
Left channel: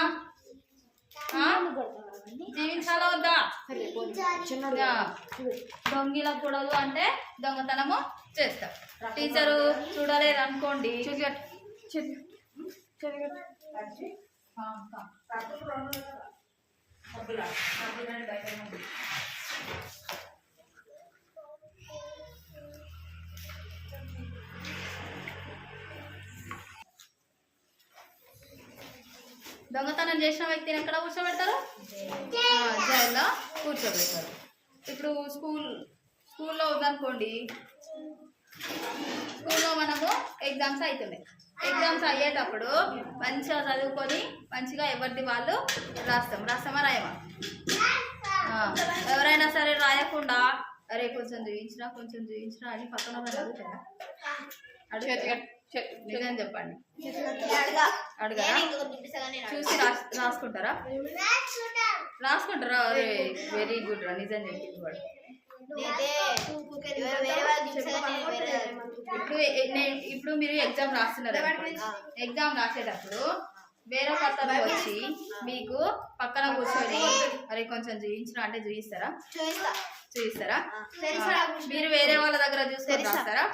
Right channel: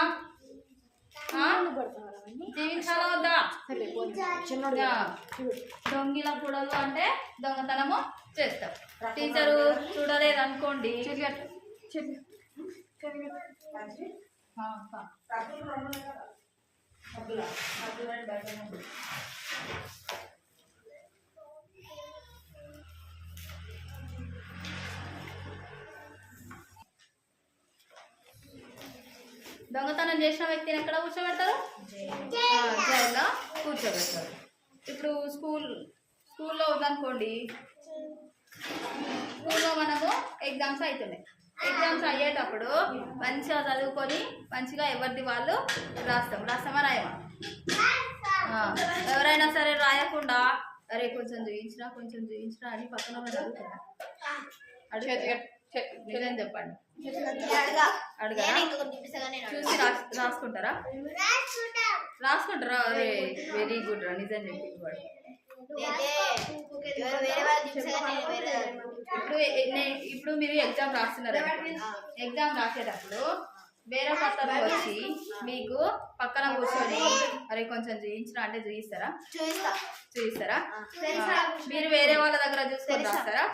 దొంగిలకూడదు అంటే దొంగతనము చేస్తాం. టీచరు చూడలేదు అనుకోండి, దొంగతనం చేసిన వ్యక్తిని ఎక్కడ కూర్చోబెడతారు? జైల్లో కూర్చోబెడతారు. ఇప్పుడు స్కూల్లో ఉందనుకోండి, స్కూల్లో మనము ఎగ్జామ్స్ అవుతున్నాయి. ఎగ్జామ్స్ అయ్యేటప్పుడు మంచిగా చదువుకొని మంచిగా ఎవరిది వాళ్ళు రాస్తామా రాయమా? ఎవరైనా సరే రాయకుండా అరే కొంచెం చూయించినా అని పక్కన వాళ్ళు అడుగుతారా? నిజం చెప్పండి, అడగరా? చూసి రాసుకుంటారా? అరే వెరీ గుడ్ రా, నిజం చెప్పింది వాడు. ఇప్పుడు మీరు ఎగ్జామ్ రాస్తున్నారు. ఎగ్జామ్ రాసేటప్పుడు వేరొక అతను వచ్చి మీకు పక్కన కూర్చొని అరే కొంచెం చూయించిన అంటే చూయిస్తారా? చూయిస్తారా? మీరు వేరే వాళ్ళ దగ్గర చూసుకొని రాస్తారా?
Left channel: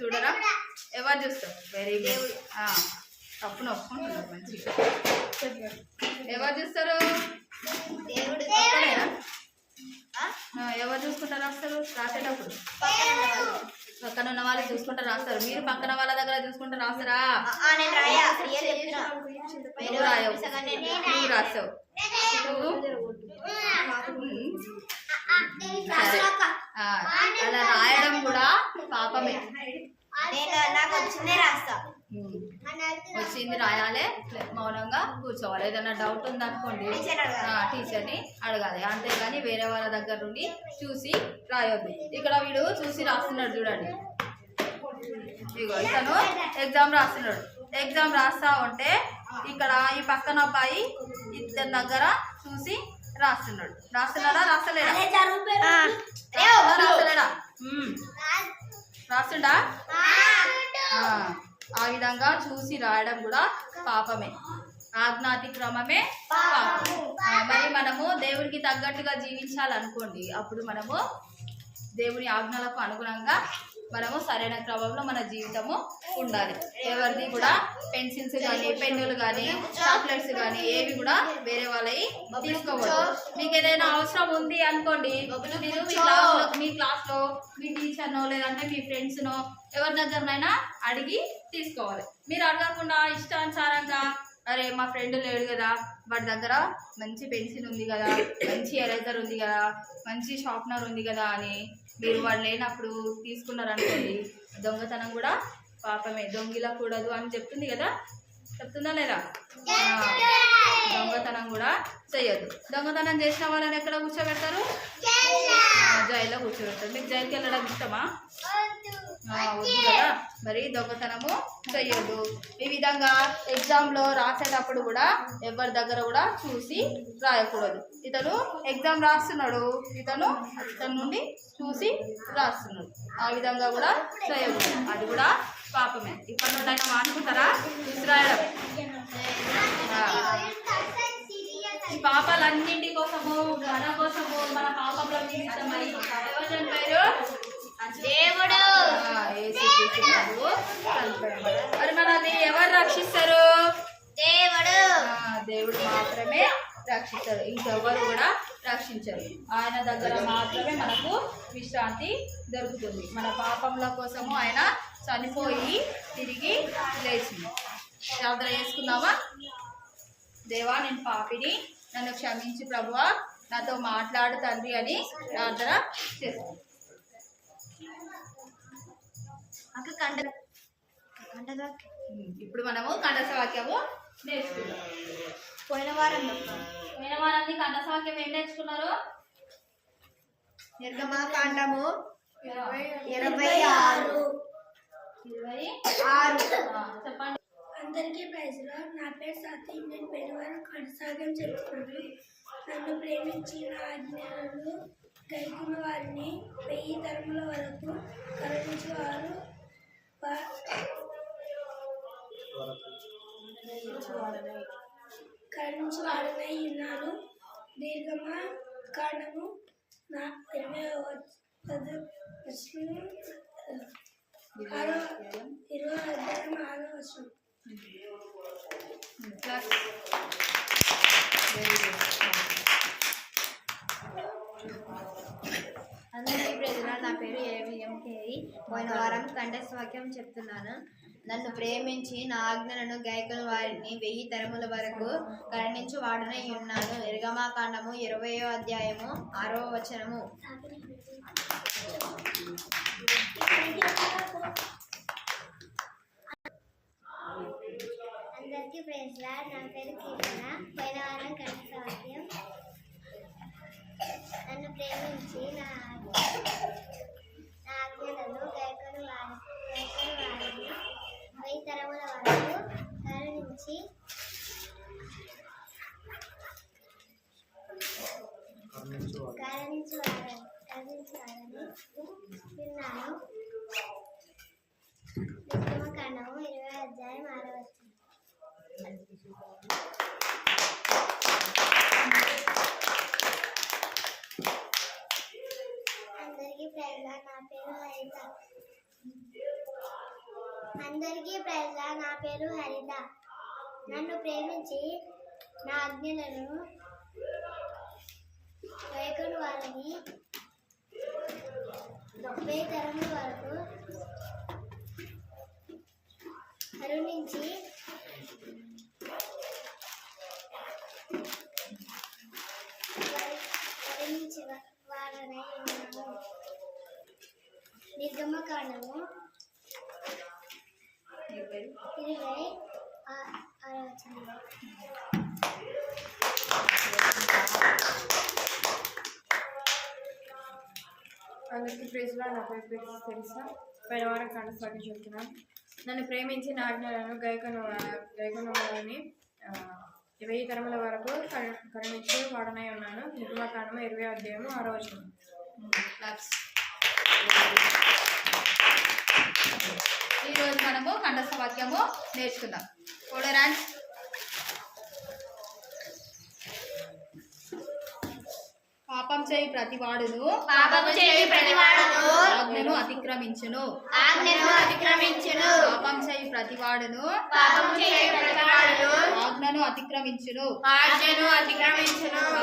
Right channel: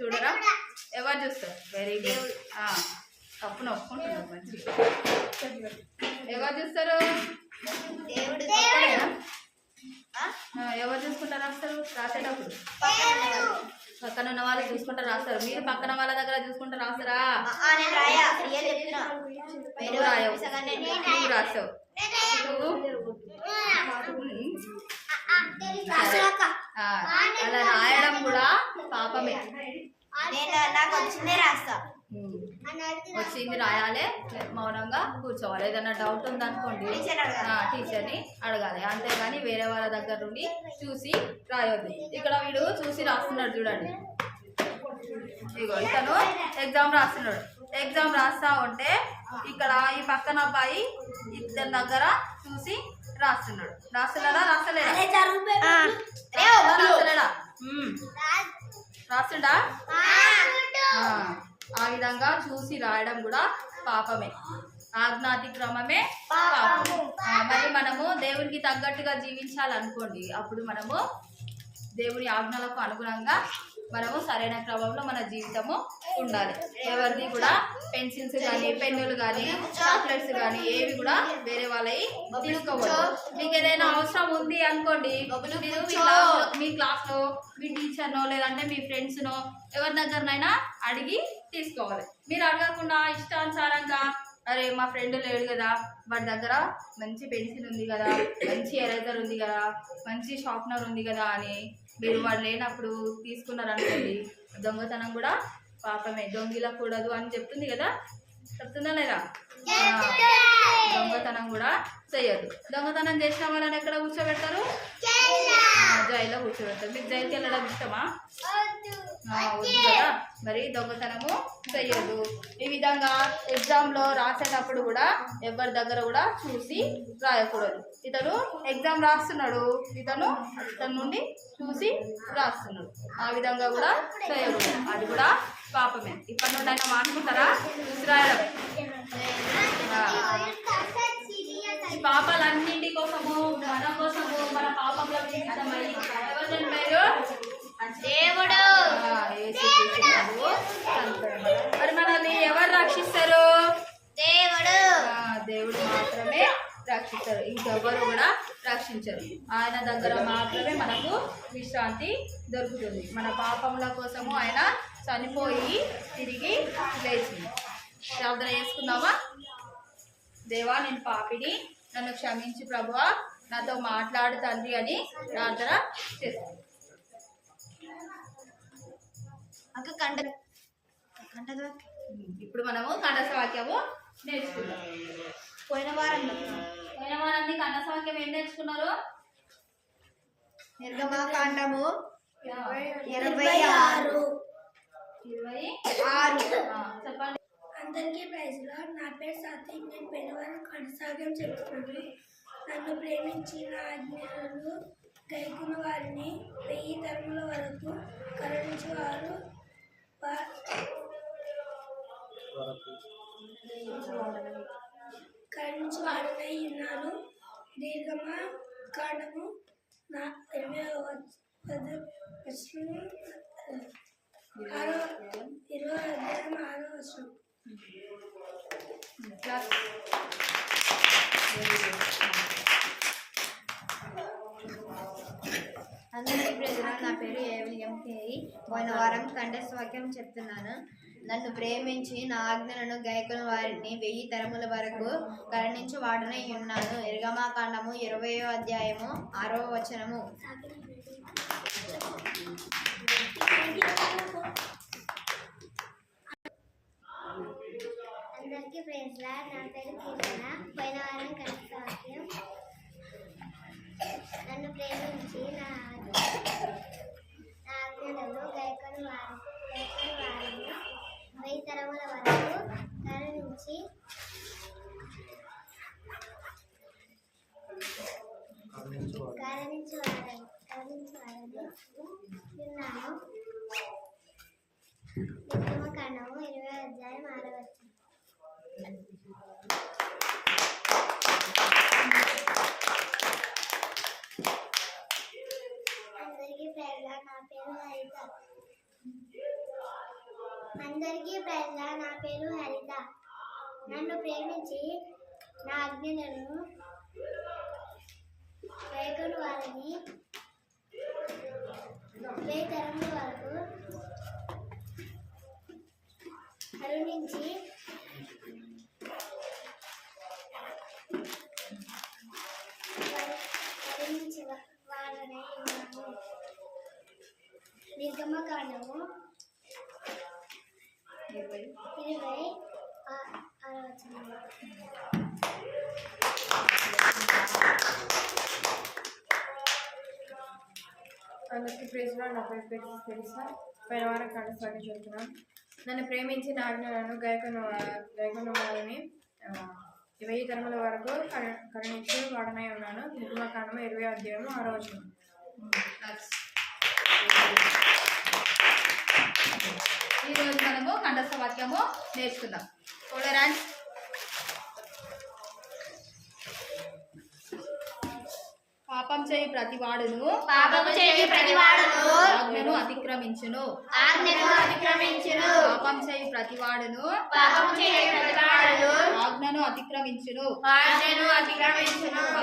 చూడరా? ఎవరు చూస్తారు? Very good. తప్పును ఒప్పుకుంటున్నారు మంచిగా. ఎవరు చూస్తారు? దేవుడు. ఎవరు చూసుకుంటారు రాస్తారు? రాసేటప్పుడు పక్కన ఉన్న వాళ్ళు చూసుకుంటా రాస్తారు. మీరు పక్కన వాళ్ళ దగ్గర చూసుకుంటా రాస్తారా? నేను రాయా రియల్ చెప్తున్నా. నువ్వు రాయవు, నువ్వు రాస్తావు. అలా రాయడం కూడా పాపమే. నేను నాకు వచ్చిందే రాస్తా. వచ్చింది రాయాలి, మౌనంగా కూర్చోవాలి. ఏదైనా డౌట్ ఉందనుకోండి టీచర్ని అడగాలి, అంతేగాని వేరే వాళ్ళ దగ్గర నుండి చూసి రాయొద్దు. ఇక్కడ వీడు చూసి రాస్తున్నాడు చూడండి. ఇగో ఇతను ఎగ్జామ్ రాస్తున్నాడు. ఎగ్జామ్ రాస్తా ఉంటే ఇక్కడ ఈ పక్కన అబ్బాయి ఇతని దగ్గర చూసి రాస్తున్నాడు. రాస్తున్నాడా? రాస్తలేడా? రాస్తలేడా? రాస్తుండా? ఆ విధంగా చూసి రాయడం కూడా పాపమే, ఆజ్ఞాతిక్రమమే పాపం. మరి మనము దేవునికి తగ్గట్టుగా జీవించాలనుకోండి, అప్పుడు మనము దేవుని ఆజ్ఞలకు అనుగుణంగా మనము సరైన క్రమంలో మన జీవితము ఉండాలి. ఎవరిది కూడా పెన్సిల్స్ కానీ పెన్నులు కానీ చాక్లెట్స్ కానీ ఏవి కూడా వేరే వాళ్ళవి తీసుకోవద్దు. మీకు ఏదైనా అవసరం ఉంది అనుకోండి, మీరు మీ క్లాస్లో మీ టీచర్నో లేదంటే మీ ఫ్రెండ్స్నో ఎవరి దగ్గరనైనా అడిగి తీసుకోవాలి. మీరు అడగకుండా ఇష్టానుసారంగా అరే మా ఫ్రెండ్ లేడు కదా, వాడి దగ్గర మంచి పెన్సిల్ ఉంది కదా, మంచి ఎరేజర్ ఉంది కదా, మంచి షార్ప్నర్ ఉంది కదా అని మీరు వాడు లేనప్పుడు తీసుకున్నారనుకోండి, దొంగతనం కూడా పాపమే. దొంగిలకూడదు అని చెప్తుంది కదా, చెప్తుందా లేదా? దొంగతనం కూడా చేయొద్దు. దొంగతనం చేసిన వాళ్ళని ఎక్కడ కూర్చోబెడతారు? జైల్లో కూర్చోబెడతారు. మీకు జైలుకి వెళ్ళడం ఇష్టమా? వద్దు కదా. మరి దొంగతనము చెయ్యొద్దు. ఈ విధంగా ఎగ్జామ్లో రాసేటప్పుడు కూడా ఎవరి దగ్గర కూడా చూసి రాయకూడదు. ఇతను ఎగ్జామ్ రాస్తున్నాడు, ఇతను నుండి చూసి రాస్తున్నాడు. ఆ విధంగా కూడా చేయకూడదు, అది కూడా పాపమే. ఇప్పటి నుండి అయినా మానుకుంటారా చూసి రాయడం? ఈ పాపాలన్నింటి కోసము, మన కోసము, మన పాపంలో నిమిత్తమై ఎవరు చనిపోయారు? దేవుడు. మరి మనల్ని ఎవరు రక్షిస్తారు? దేవుడు. దేవుడు మాత్రమే రక్షిస్తారు, ఇంకెవరు కూడా రక్షించరు. ఆయన దగ్గర మాత్రమే మనకు విశ్రాంతి దొరుకుతుంది. మన పాపముల కోసము ఆయన చనిపోయి తిరిగి లేచింది. ప్రార్థన చేసుకుందామా? దేవా, నేను పాపిని, నన్ను క్షమించి ప్రభువా, నాతో మాట్లాడు తండ్రి అని ప్రార్థన చేస్తాను. ఇప్పుడు మనము కంఠస్థ వాక్యము నేర్చుకున్నాం. పోయిన వారం కంఠస్థ వాక్యం ఏం నేర్చుకున్నారు? నిర్గమాకాండము 26. చెప్పండి. అందరికీ ప్రైజ్ లార్డ్. నా పేరు సతీ. నేను పెనువారం కొనసాగం చెప్తున్నాను. నన్ను ప్రేమించి నా ఆజ్ఞలను గైకున్న వారిని 1000 తరముల వరకు కరుణించేవారు వాడనై ఉన్నాను. దీర్ఘమా కాండము 20వ అధ్యాయం 6వ వచనం. అందరికీ ప్రజలు, నా పేరు ఏవిఎంకేరి. పోయిన వారం కంఠస్థ వాక్యం చెప్తున్నాను. నన్ను ప్రేమించి నా ఆజ్ఞలను గైకుని వారిని 1000 తరముల వరకు కరుణించి వాడనై ఉన్నాను. నిర్గమాకాండము 20వ అధ్యాయము 6వ వచనము. అందరికీ ప్రైజ్ లార్డ్. నా పేరు కీర్తన. పోయిన వారం కంఠస్థ వాక్యం, నన్ను ప్రేమించి నా ఆజ్ఞలను గైకొని వారిని 1000 తరముల వరకు కరుణించి వారని విన్నాను. నిర్గమకాండము 20వ అధ్యాయం 6వ వచనం. అందరికీ ప్రజల నా పేరు హరిత. నన్ను ప్రేమించి నా ఆజ్ఞలను గైకొని వారిని వేయి తరముల వరకు కరుణించి వారనే ఉన్నాము. నిర్గమకాండము 26వ వచనం. అందరికీ ప్రేజ్లో నా పేరు తెలుసా. పైన వారం కంఠస్వాక్యం చెప్తున్నాను. నన్ను ప్రేమించి నా ఆజ్ఞలను గైకొన్న వారిని 1000 తరముల వరకు కరుణించి వాడనై ఉన్నాను. నిర్గమకాండము 20వ అధ్యాయము 6వ వచనం. ఈరోజు మనము కంఠస్థ వాక్యము నేర్చుకుందాం. టోలరెన్స్. పాపం చేయి ప్రతివాడును ఆజ్ఞను అతిక్రమించును. పాపం చేయి ప్రతివాడును ఆజ్ఞను అతిక్రమించును.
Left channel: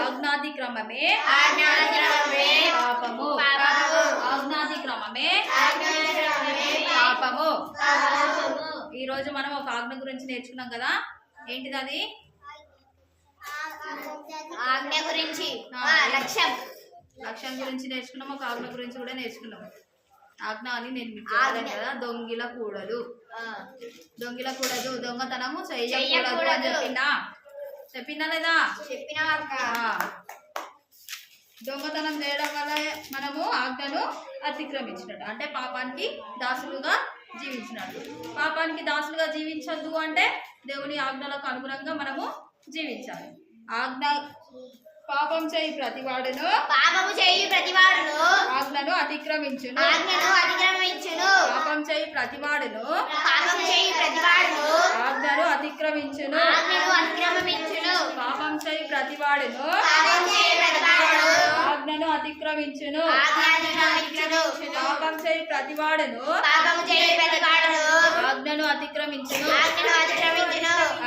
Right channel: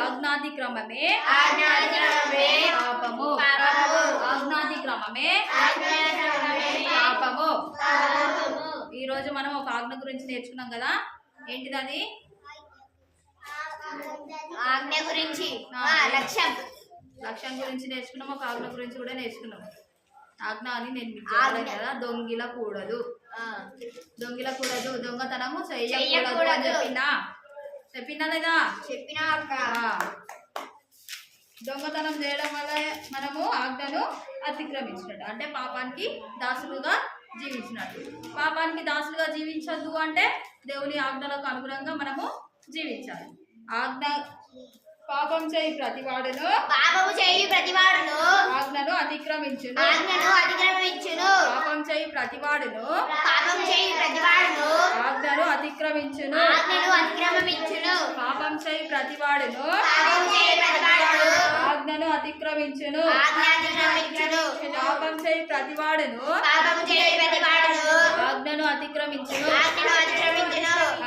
ఆజ్ఞాతిక్రమమే పాపము. ఆజ్ఞాతిక్రమమే పాపము. ఈరోజు మనం ఒక ఆజ్ఞ గురించి నేర్చుకున్నాం కదా. ఏంటిది అది? ఆజ్ఞ గురించి లక్ష్యం గురించి నేర్చుకున్నాం. ఒక ఆజ్ఞ గురించి కూడా నేర్చుకున్నాం. ఆజ్ఞ అని నేను మీకు చెప్పలేదు కదా. దొంగిలకూడదు, దొంగతనము చెయ్యకూడదు అని చెప్పినా లేదా? చెప్పినా అక్క. దొంగతనం చేయడం వల్ల మనము ఆజ్ఞను అతిక్రమించినట్టు, అంటే పాపానికి దాసులుగా జీవించినట్టు. పాపానికి దాసులుగా జీవించద్దు అంటే దేవుని ఆజ్ఞలకు అనుగుణంగా మనము జీవించాలి. ఆజ్ఞ పాపం చేయి ప్రతివాడును ఆజ్ఞను అతిక్రమించును. పాపం చేయి ప్రతివాడును ఆజ్ఞను అతిక్రమించును. పాపం చేయి ప్రతివాడును ఆజ్ఞను అతిక్రమించును. పాపం చేయి ప్రతివాడును ఆజ్ఞను అతిక్రమించును.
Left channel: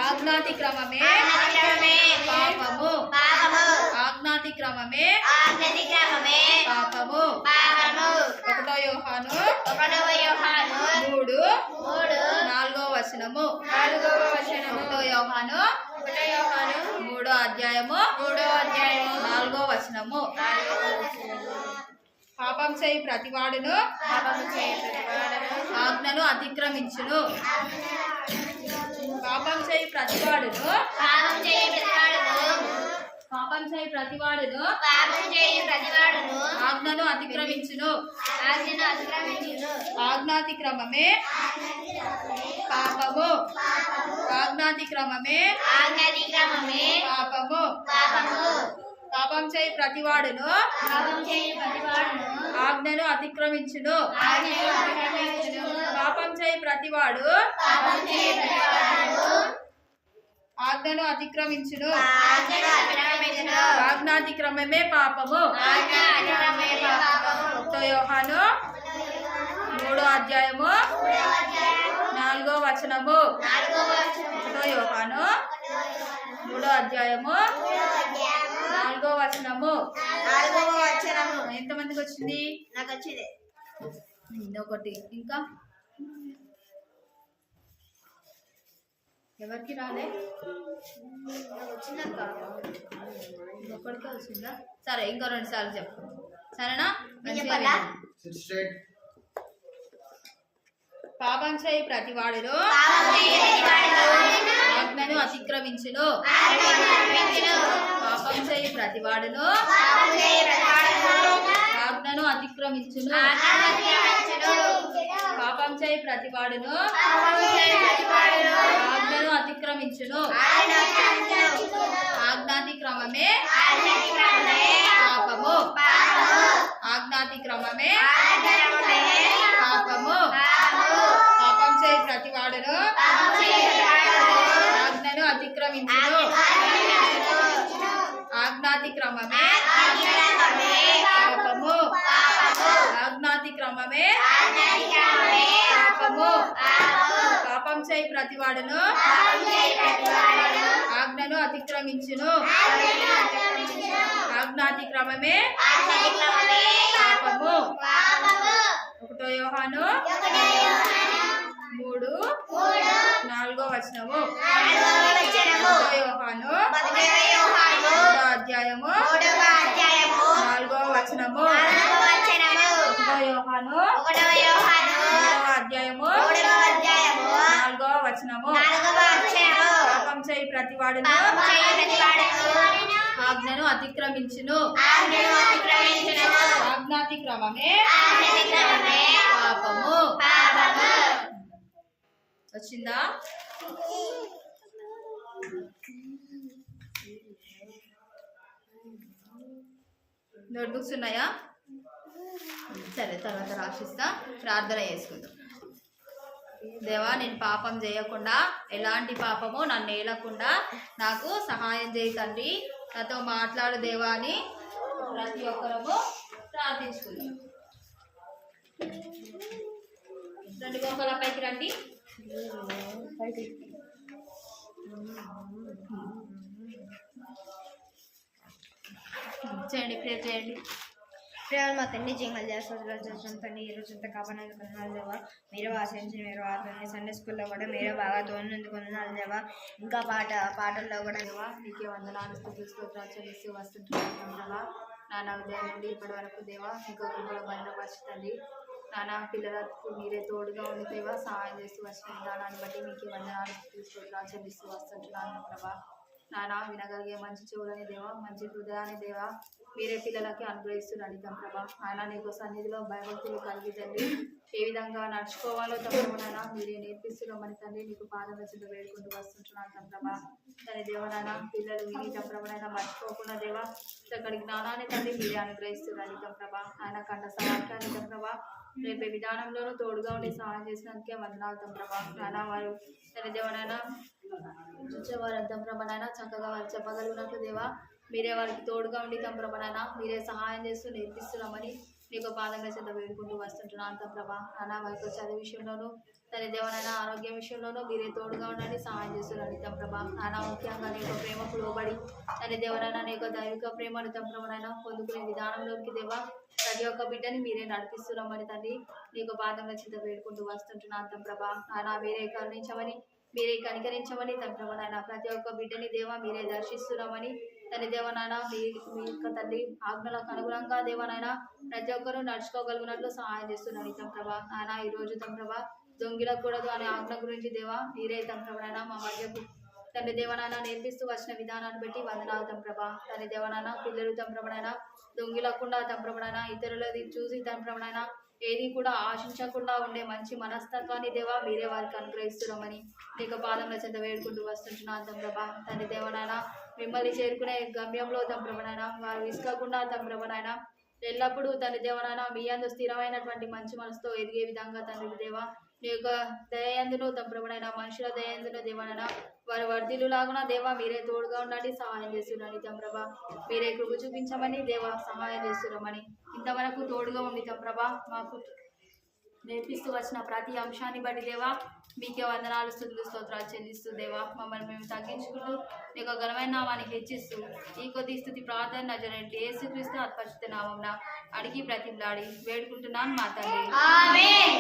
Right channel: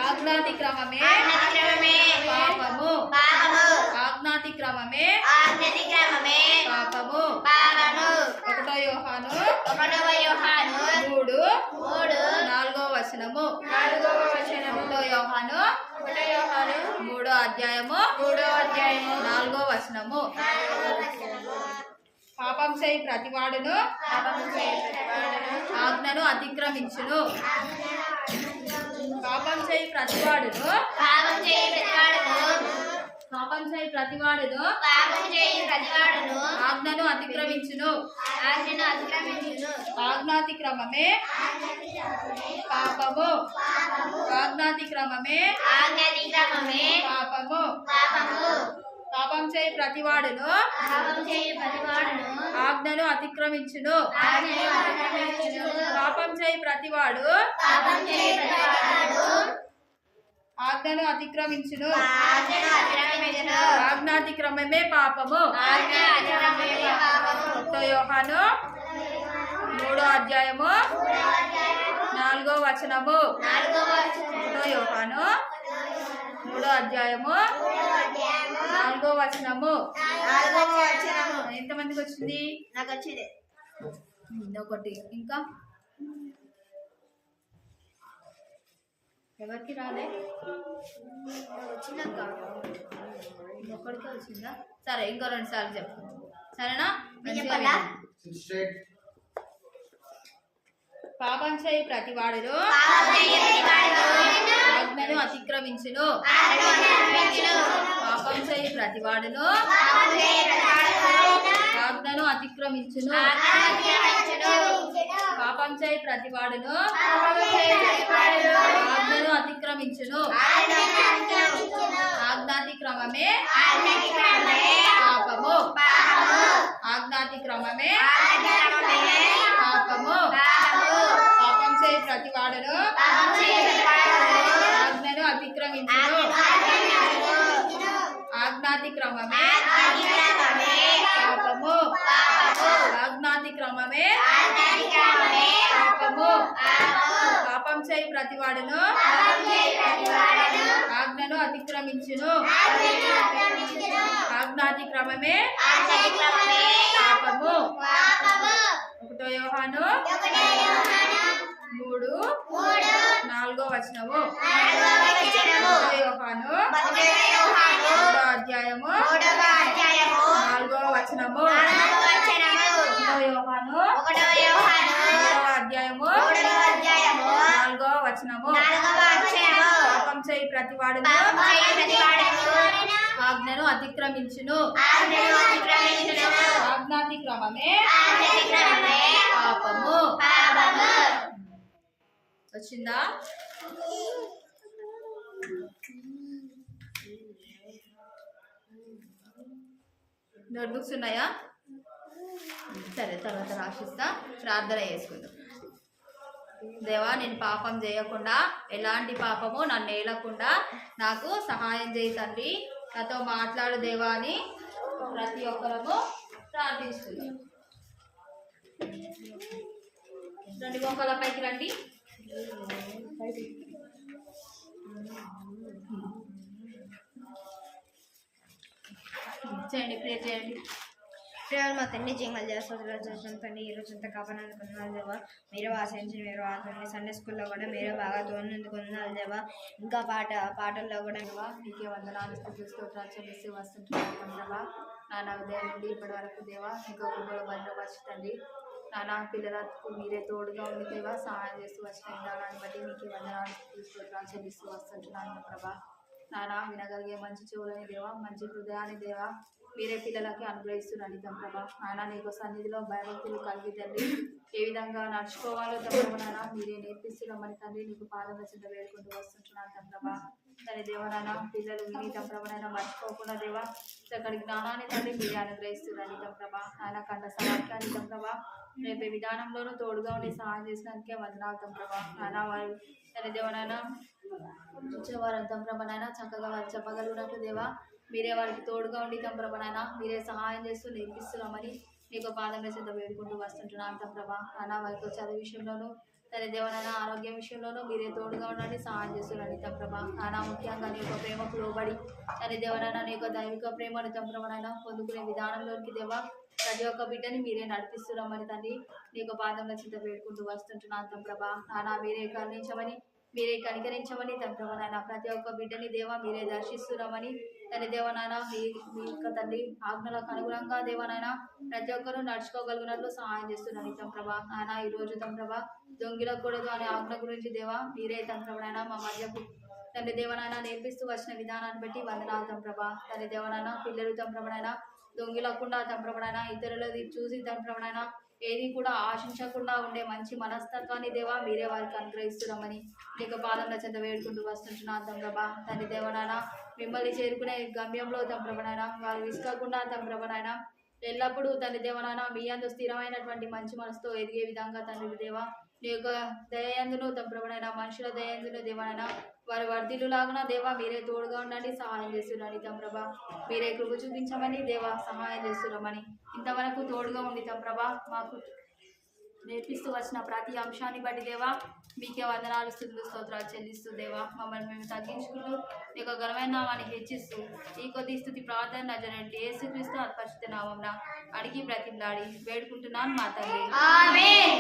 ఆజ్ఞాతిక్రమమే పాపము. ఆజ్ఞాతిక్రమమే పాపము. 1 యోహాను 3:4 వచనము. 1 యోహాను 3వ అధ్యాయము 4వ వచనము. పాపం చేయి ప్రతివాడును ఆజ్ఞను అతిక్రమించును. పాపం చేయి ప్రతివాడును ఆజ్ఞను అతిక్రమించును. ఆజ్ఞాతిక్రమమే పాపము. ఆజ్ఞాతిక్రమమే పాపము. పాపం చేయి ప్రతివాడును ఆజ్ఞను అతిక్రమించును. పాపం చేయి ప్రతివాడు ఆజ్ఞను అతిక్రమించును. ఆజ్ఞాతిక్రమమే పాపము. 1 యోహాను 3వ అధ్యాయము 4వ వచనము. 1 యోహాను 3వ అధ్యాయము 4వ వచనము. ఎంతమందికి వచ్చింది? నాకు వచ్చింది. ఒకటి. ఇంకా ఎవరికి రాలే? వచ్చిందక్క. ఒక్కడికే వచ్చిందా? సరే, ఇంకో 2 సార్లు చెప్పు. సరేనా? చెప్పాలా? పాపం చేయి ప్రతివాడును ఆజ్ఞను అతిక్రమించును. పాపం చేయి ప్రతివాడును ఆజ్ఞను అతిక్రమించును. పాపం చేయి ప్రతివాడును ఆజ్ఞను అతిక్రమించును. ఆజ్ఞాతిక్రమమే పాపము. ఆజ్ఞాతిక్రమమే పాపము. పాపం చేయి ప్రతివాడును ఆజ్ఞను అతిక్రమించును. ఆజ్ఞాతిక్రమమే పాపము. ఆజ్ఞాతిక్రమమే పాపము. పాపం చేయి ప్రతివాడును ఆజ్ఞను అతిక్రమించును. ఆజ్ఞాతిక్రమమే పాపము. 1 యోహాను 3:4 1 యోహాను 3వ అధ్యాయము 4వ వచనము. 1 యోహాను 3వ అధ్యాయము 4వ వచనము. పాపం చేయి ప్రతివాడును ఆజ్ఞను అతిక్రమించును. ఆజ్ఞాతిక్రమమే పాపము. వచ్చిందా? నోట్బుక్స్ ఉన్నాయా? సరే, తర్వాత రాసిస్తా. ప్రార్థన చేసుకుందాం. దేవా, నేను పాపం చేయకుండా, ఎలాంటి పాపము నన్ను ఏలకుండా నాకు సహాయం చేయి తండ్రి. నాతో మాట్లాడు దేవా అని ప్రతి ఒక్కరము ప్రార్థించుకుందాం. రండి, గోపాల పైకి రండి. చేయండి, ప్రేర్ చేయండి. ప్రేమ మా తండ్రి జింగల్ చేస్తాం తండ్రి. ఈరోజు అంతా కాపాడినందుకు వందనాలు దేవా. మీరు ఆశించిన మీరు ఆడుతుంది. సండే స్కూల్లో కూడా మీరు బాగా తోడినందుకు వందనాలు దేవా. ఇంకా పాటల్లో కూడా దేవా నీకే వందనాలు, స్తుతులు, స్తోత్రాలు చెల్లిస్తూ వస్తుంటున్నాం దేవా. నాన్న ఉదయం నుండి ఇప్పటి వరకు దేవా ఇంకో కృపలో భద్రపరచండి. నాన్న పిల్లలకు మీరే తోడుగా ఉండి దేవా సహాయం చేస్తూ వచ్చిన విధానాన్ని బట్టి మీకే వందనాలు, స్తుతులు, స్తోత్రాలు చెల్లిస్తూ వస్తుంటున్నాను ప్రభా. నాన్న వినగలిగే మంచి చెవులని దేవా, మంచి హృదయాన్ని దేవా మీరే పిల్లలకి అనుగ్రహిస్తున్నారు ప్రభా. నాన్న నీకు సన్నిధిలో భయభక్తులు కలిగి తండ్రి ఏ విధంగా నడుచుకోవాలో తప్పనైనా మీరే నేర్పిస్తున్నామని తండ్రి నీకు పాదం చెంత వేడుకుంటూ వస్తుంటున్నాను తండ్రబా. తన దేవనైనా పిల్లలు విని తంప్రభనైనా మర్చిపోకుండా దేవా చక్కటి జ్ఞానాన్ని తండ్రి మీరే అనుగ్రహిస్తున్నారు తంప్రభా. ఆయన కంట సవాక్యాన్ని తంప్రభా రేపే విధానంలోనూ తోడుగా ఉండి సహాయం చేసినందుకే వందనాలు తంప్రభా. నాన్న వారు తన దేవనైనా వచ్చేవారు తంప్రభనైనా చక్కగా వారు చెప్పగలిగినట్లు దేవా మీరే వారికి తోడుగా ఉండి తంప్రభనైనా మీరే సహాయం చేస్తూ నేర్పిస్తున్నామని నీకు పాదంలో చెంత వేడుకుంటూ వస్తుంటున్నాను తంప్రభా. నాన్న వారికి చదువు విషయంలోనూ తన దేవనైనా ఆరోగ్యం విషయంలోనూ మీరే తోడుగా ఉండండి, సహాయం చేస్తున్నాను తంప్రభా. నాన్న ముఖ్యంగా నీ యొక్క ప్రేమకు లోబడి తన దేవనైనా నీ యొక్క దైవిక ప్రేమను తంప్రభనైనా పొందుకునే విధానంలోకి దేవా ప్రతి ఒక్క బిడ్డని మీరే నడిపిస్తున్నామని తండ్రి నీకు పాదంలో చెంత వేడుకుంటూ వస్తుంటున్నాను తంప్రభా. నాన్న మీరే కరుణించమని మీరే కనికరించమని తండ్రి ప్రతి ఒక్క బిడ్డని దేవా మీరే దర్శిస్తున్నామని తన దేవనాయన మీ యొక్క తండ్రి ఆజ్ఞలకు అనుగుణంగా దేవనాయన ప్రతి ఒక్కరూ నడుచుకోగలిగినట్లు సహాయం చేస్తున్నాను తంప్రభా. ఆయన ఈరోజు తంప్రభా దొంగిలకూడదు అనే ఆజ్ఞ గురించి దేవా మీరే తంప్రభనైనా మా మధ్యకు తండ్రి దేవనాయన నేర్పిస్తూ వచ్చిన విధానాన్ని బట్టి వందనాలు తంప్రభా. తండ్రి దేవనాయన పిల్లలు తంప్రభనైనా దొంగిలకుండా తంప్రభనైనా ఇతరులది చూసి తంప్రభనైనా ఏది కూడా ఆశించకుండా ఉండే మంచి మనస్తత్వాన్ని దేవా మీరే వారికి అనుగ్రహిస్తున్నామని నీకు పాదంలో చెంత వేడుకుంటూ వస్తుంటున్నాను తంప్రభా. తండ్రి దేవనాయన మిమ్మల్ని చేరుకునే గమ్యంలో తంప్రభనైనా వారు విసుకకుండా తంప్రభనైనా ఎల్లప్పుడూ తండ్రి దేవనాయన మీ అందు స్థిరమైనటువంటి మంచి మనసుతో ఎదిగే విధంగా తండ్రి దేవా నీ యొక్క దయందును తంప్రభనైనా మనుషుల దయందును దేవనైనా వారు వర్ధిల్లులాగున దేవా మీరే తోడుగా ఉండండి, సహాయం చేస్తున్నారని తంప్రభా. మీరే కృప చూపించమని దేవా సహాయం చేస్తున్నామని ఇంతవరకు తోడుగా ఉండి తంప్రభా మాకు నేర్పిస్తూ వచ్చిన ప్రతి అంశాన్ని బట్టి దేవా మీకే వందనాలు, స్తుతులు, స్తోత్రాలు చెల్లిస్తూ దేవా మమ్మల్ని మేము తగ్గించుకుంటూ మీ యొక్క ఘనమైన నామాన్ని హెచ్చిస్తూ ఈ కొద్ది స్తుతి ప్రార్థన నజరేయుడైన యేసుక్రీస్తు అతిపరిశుద్ధ నామమున అడిగి ప్రతిమలాడి వేడుకుంటున్నాను మా తండ్రి. ఆమేన్.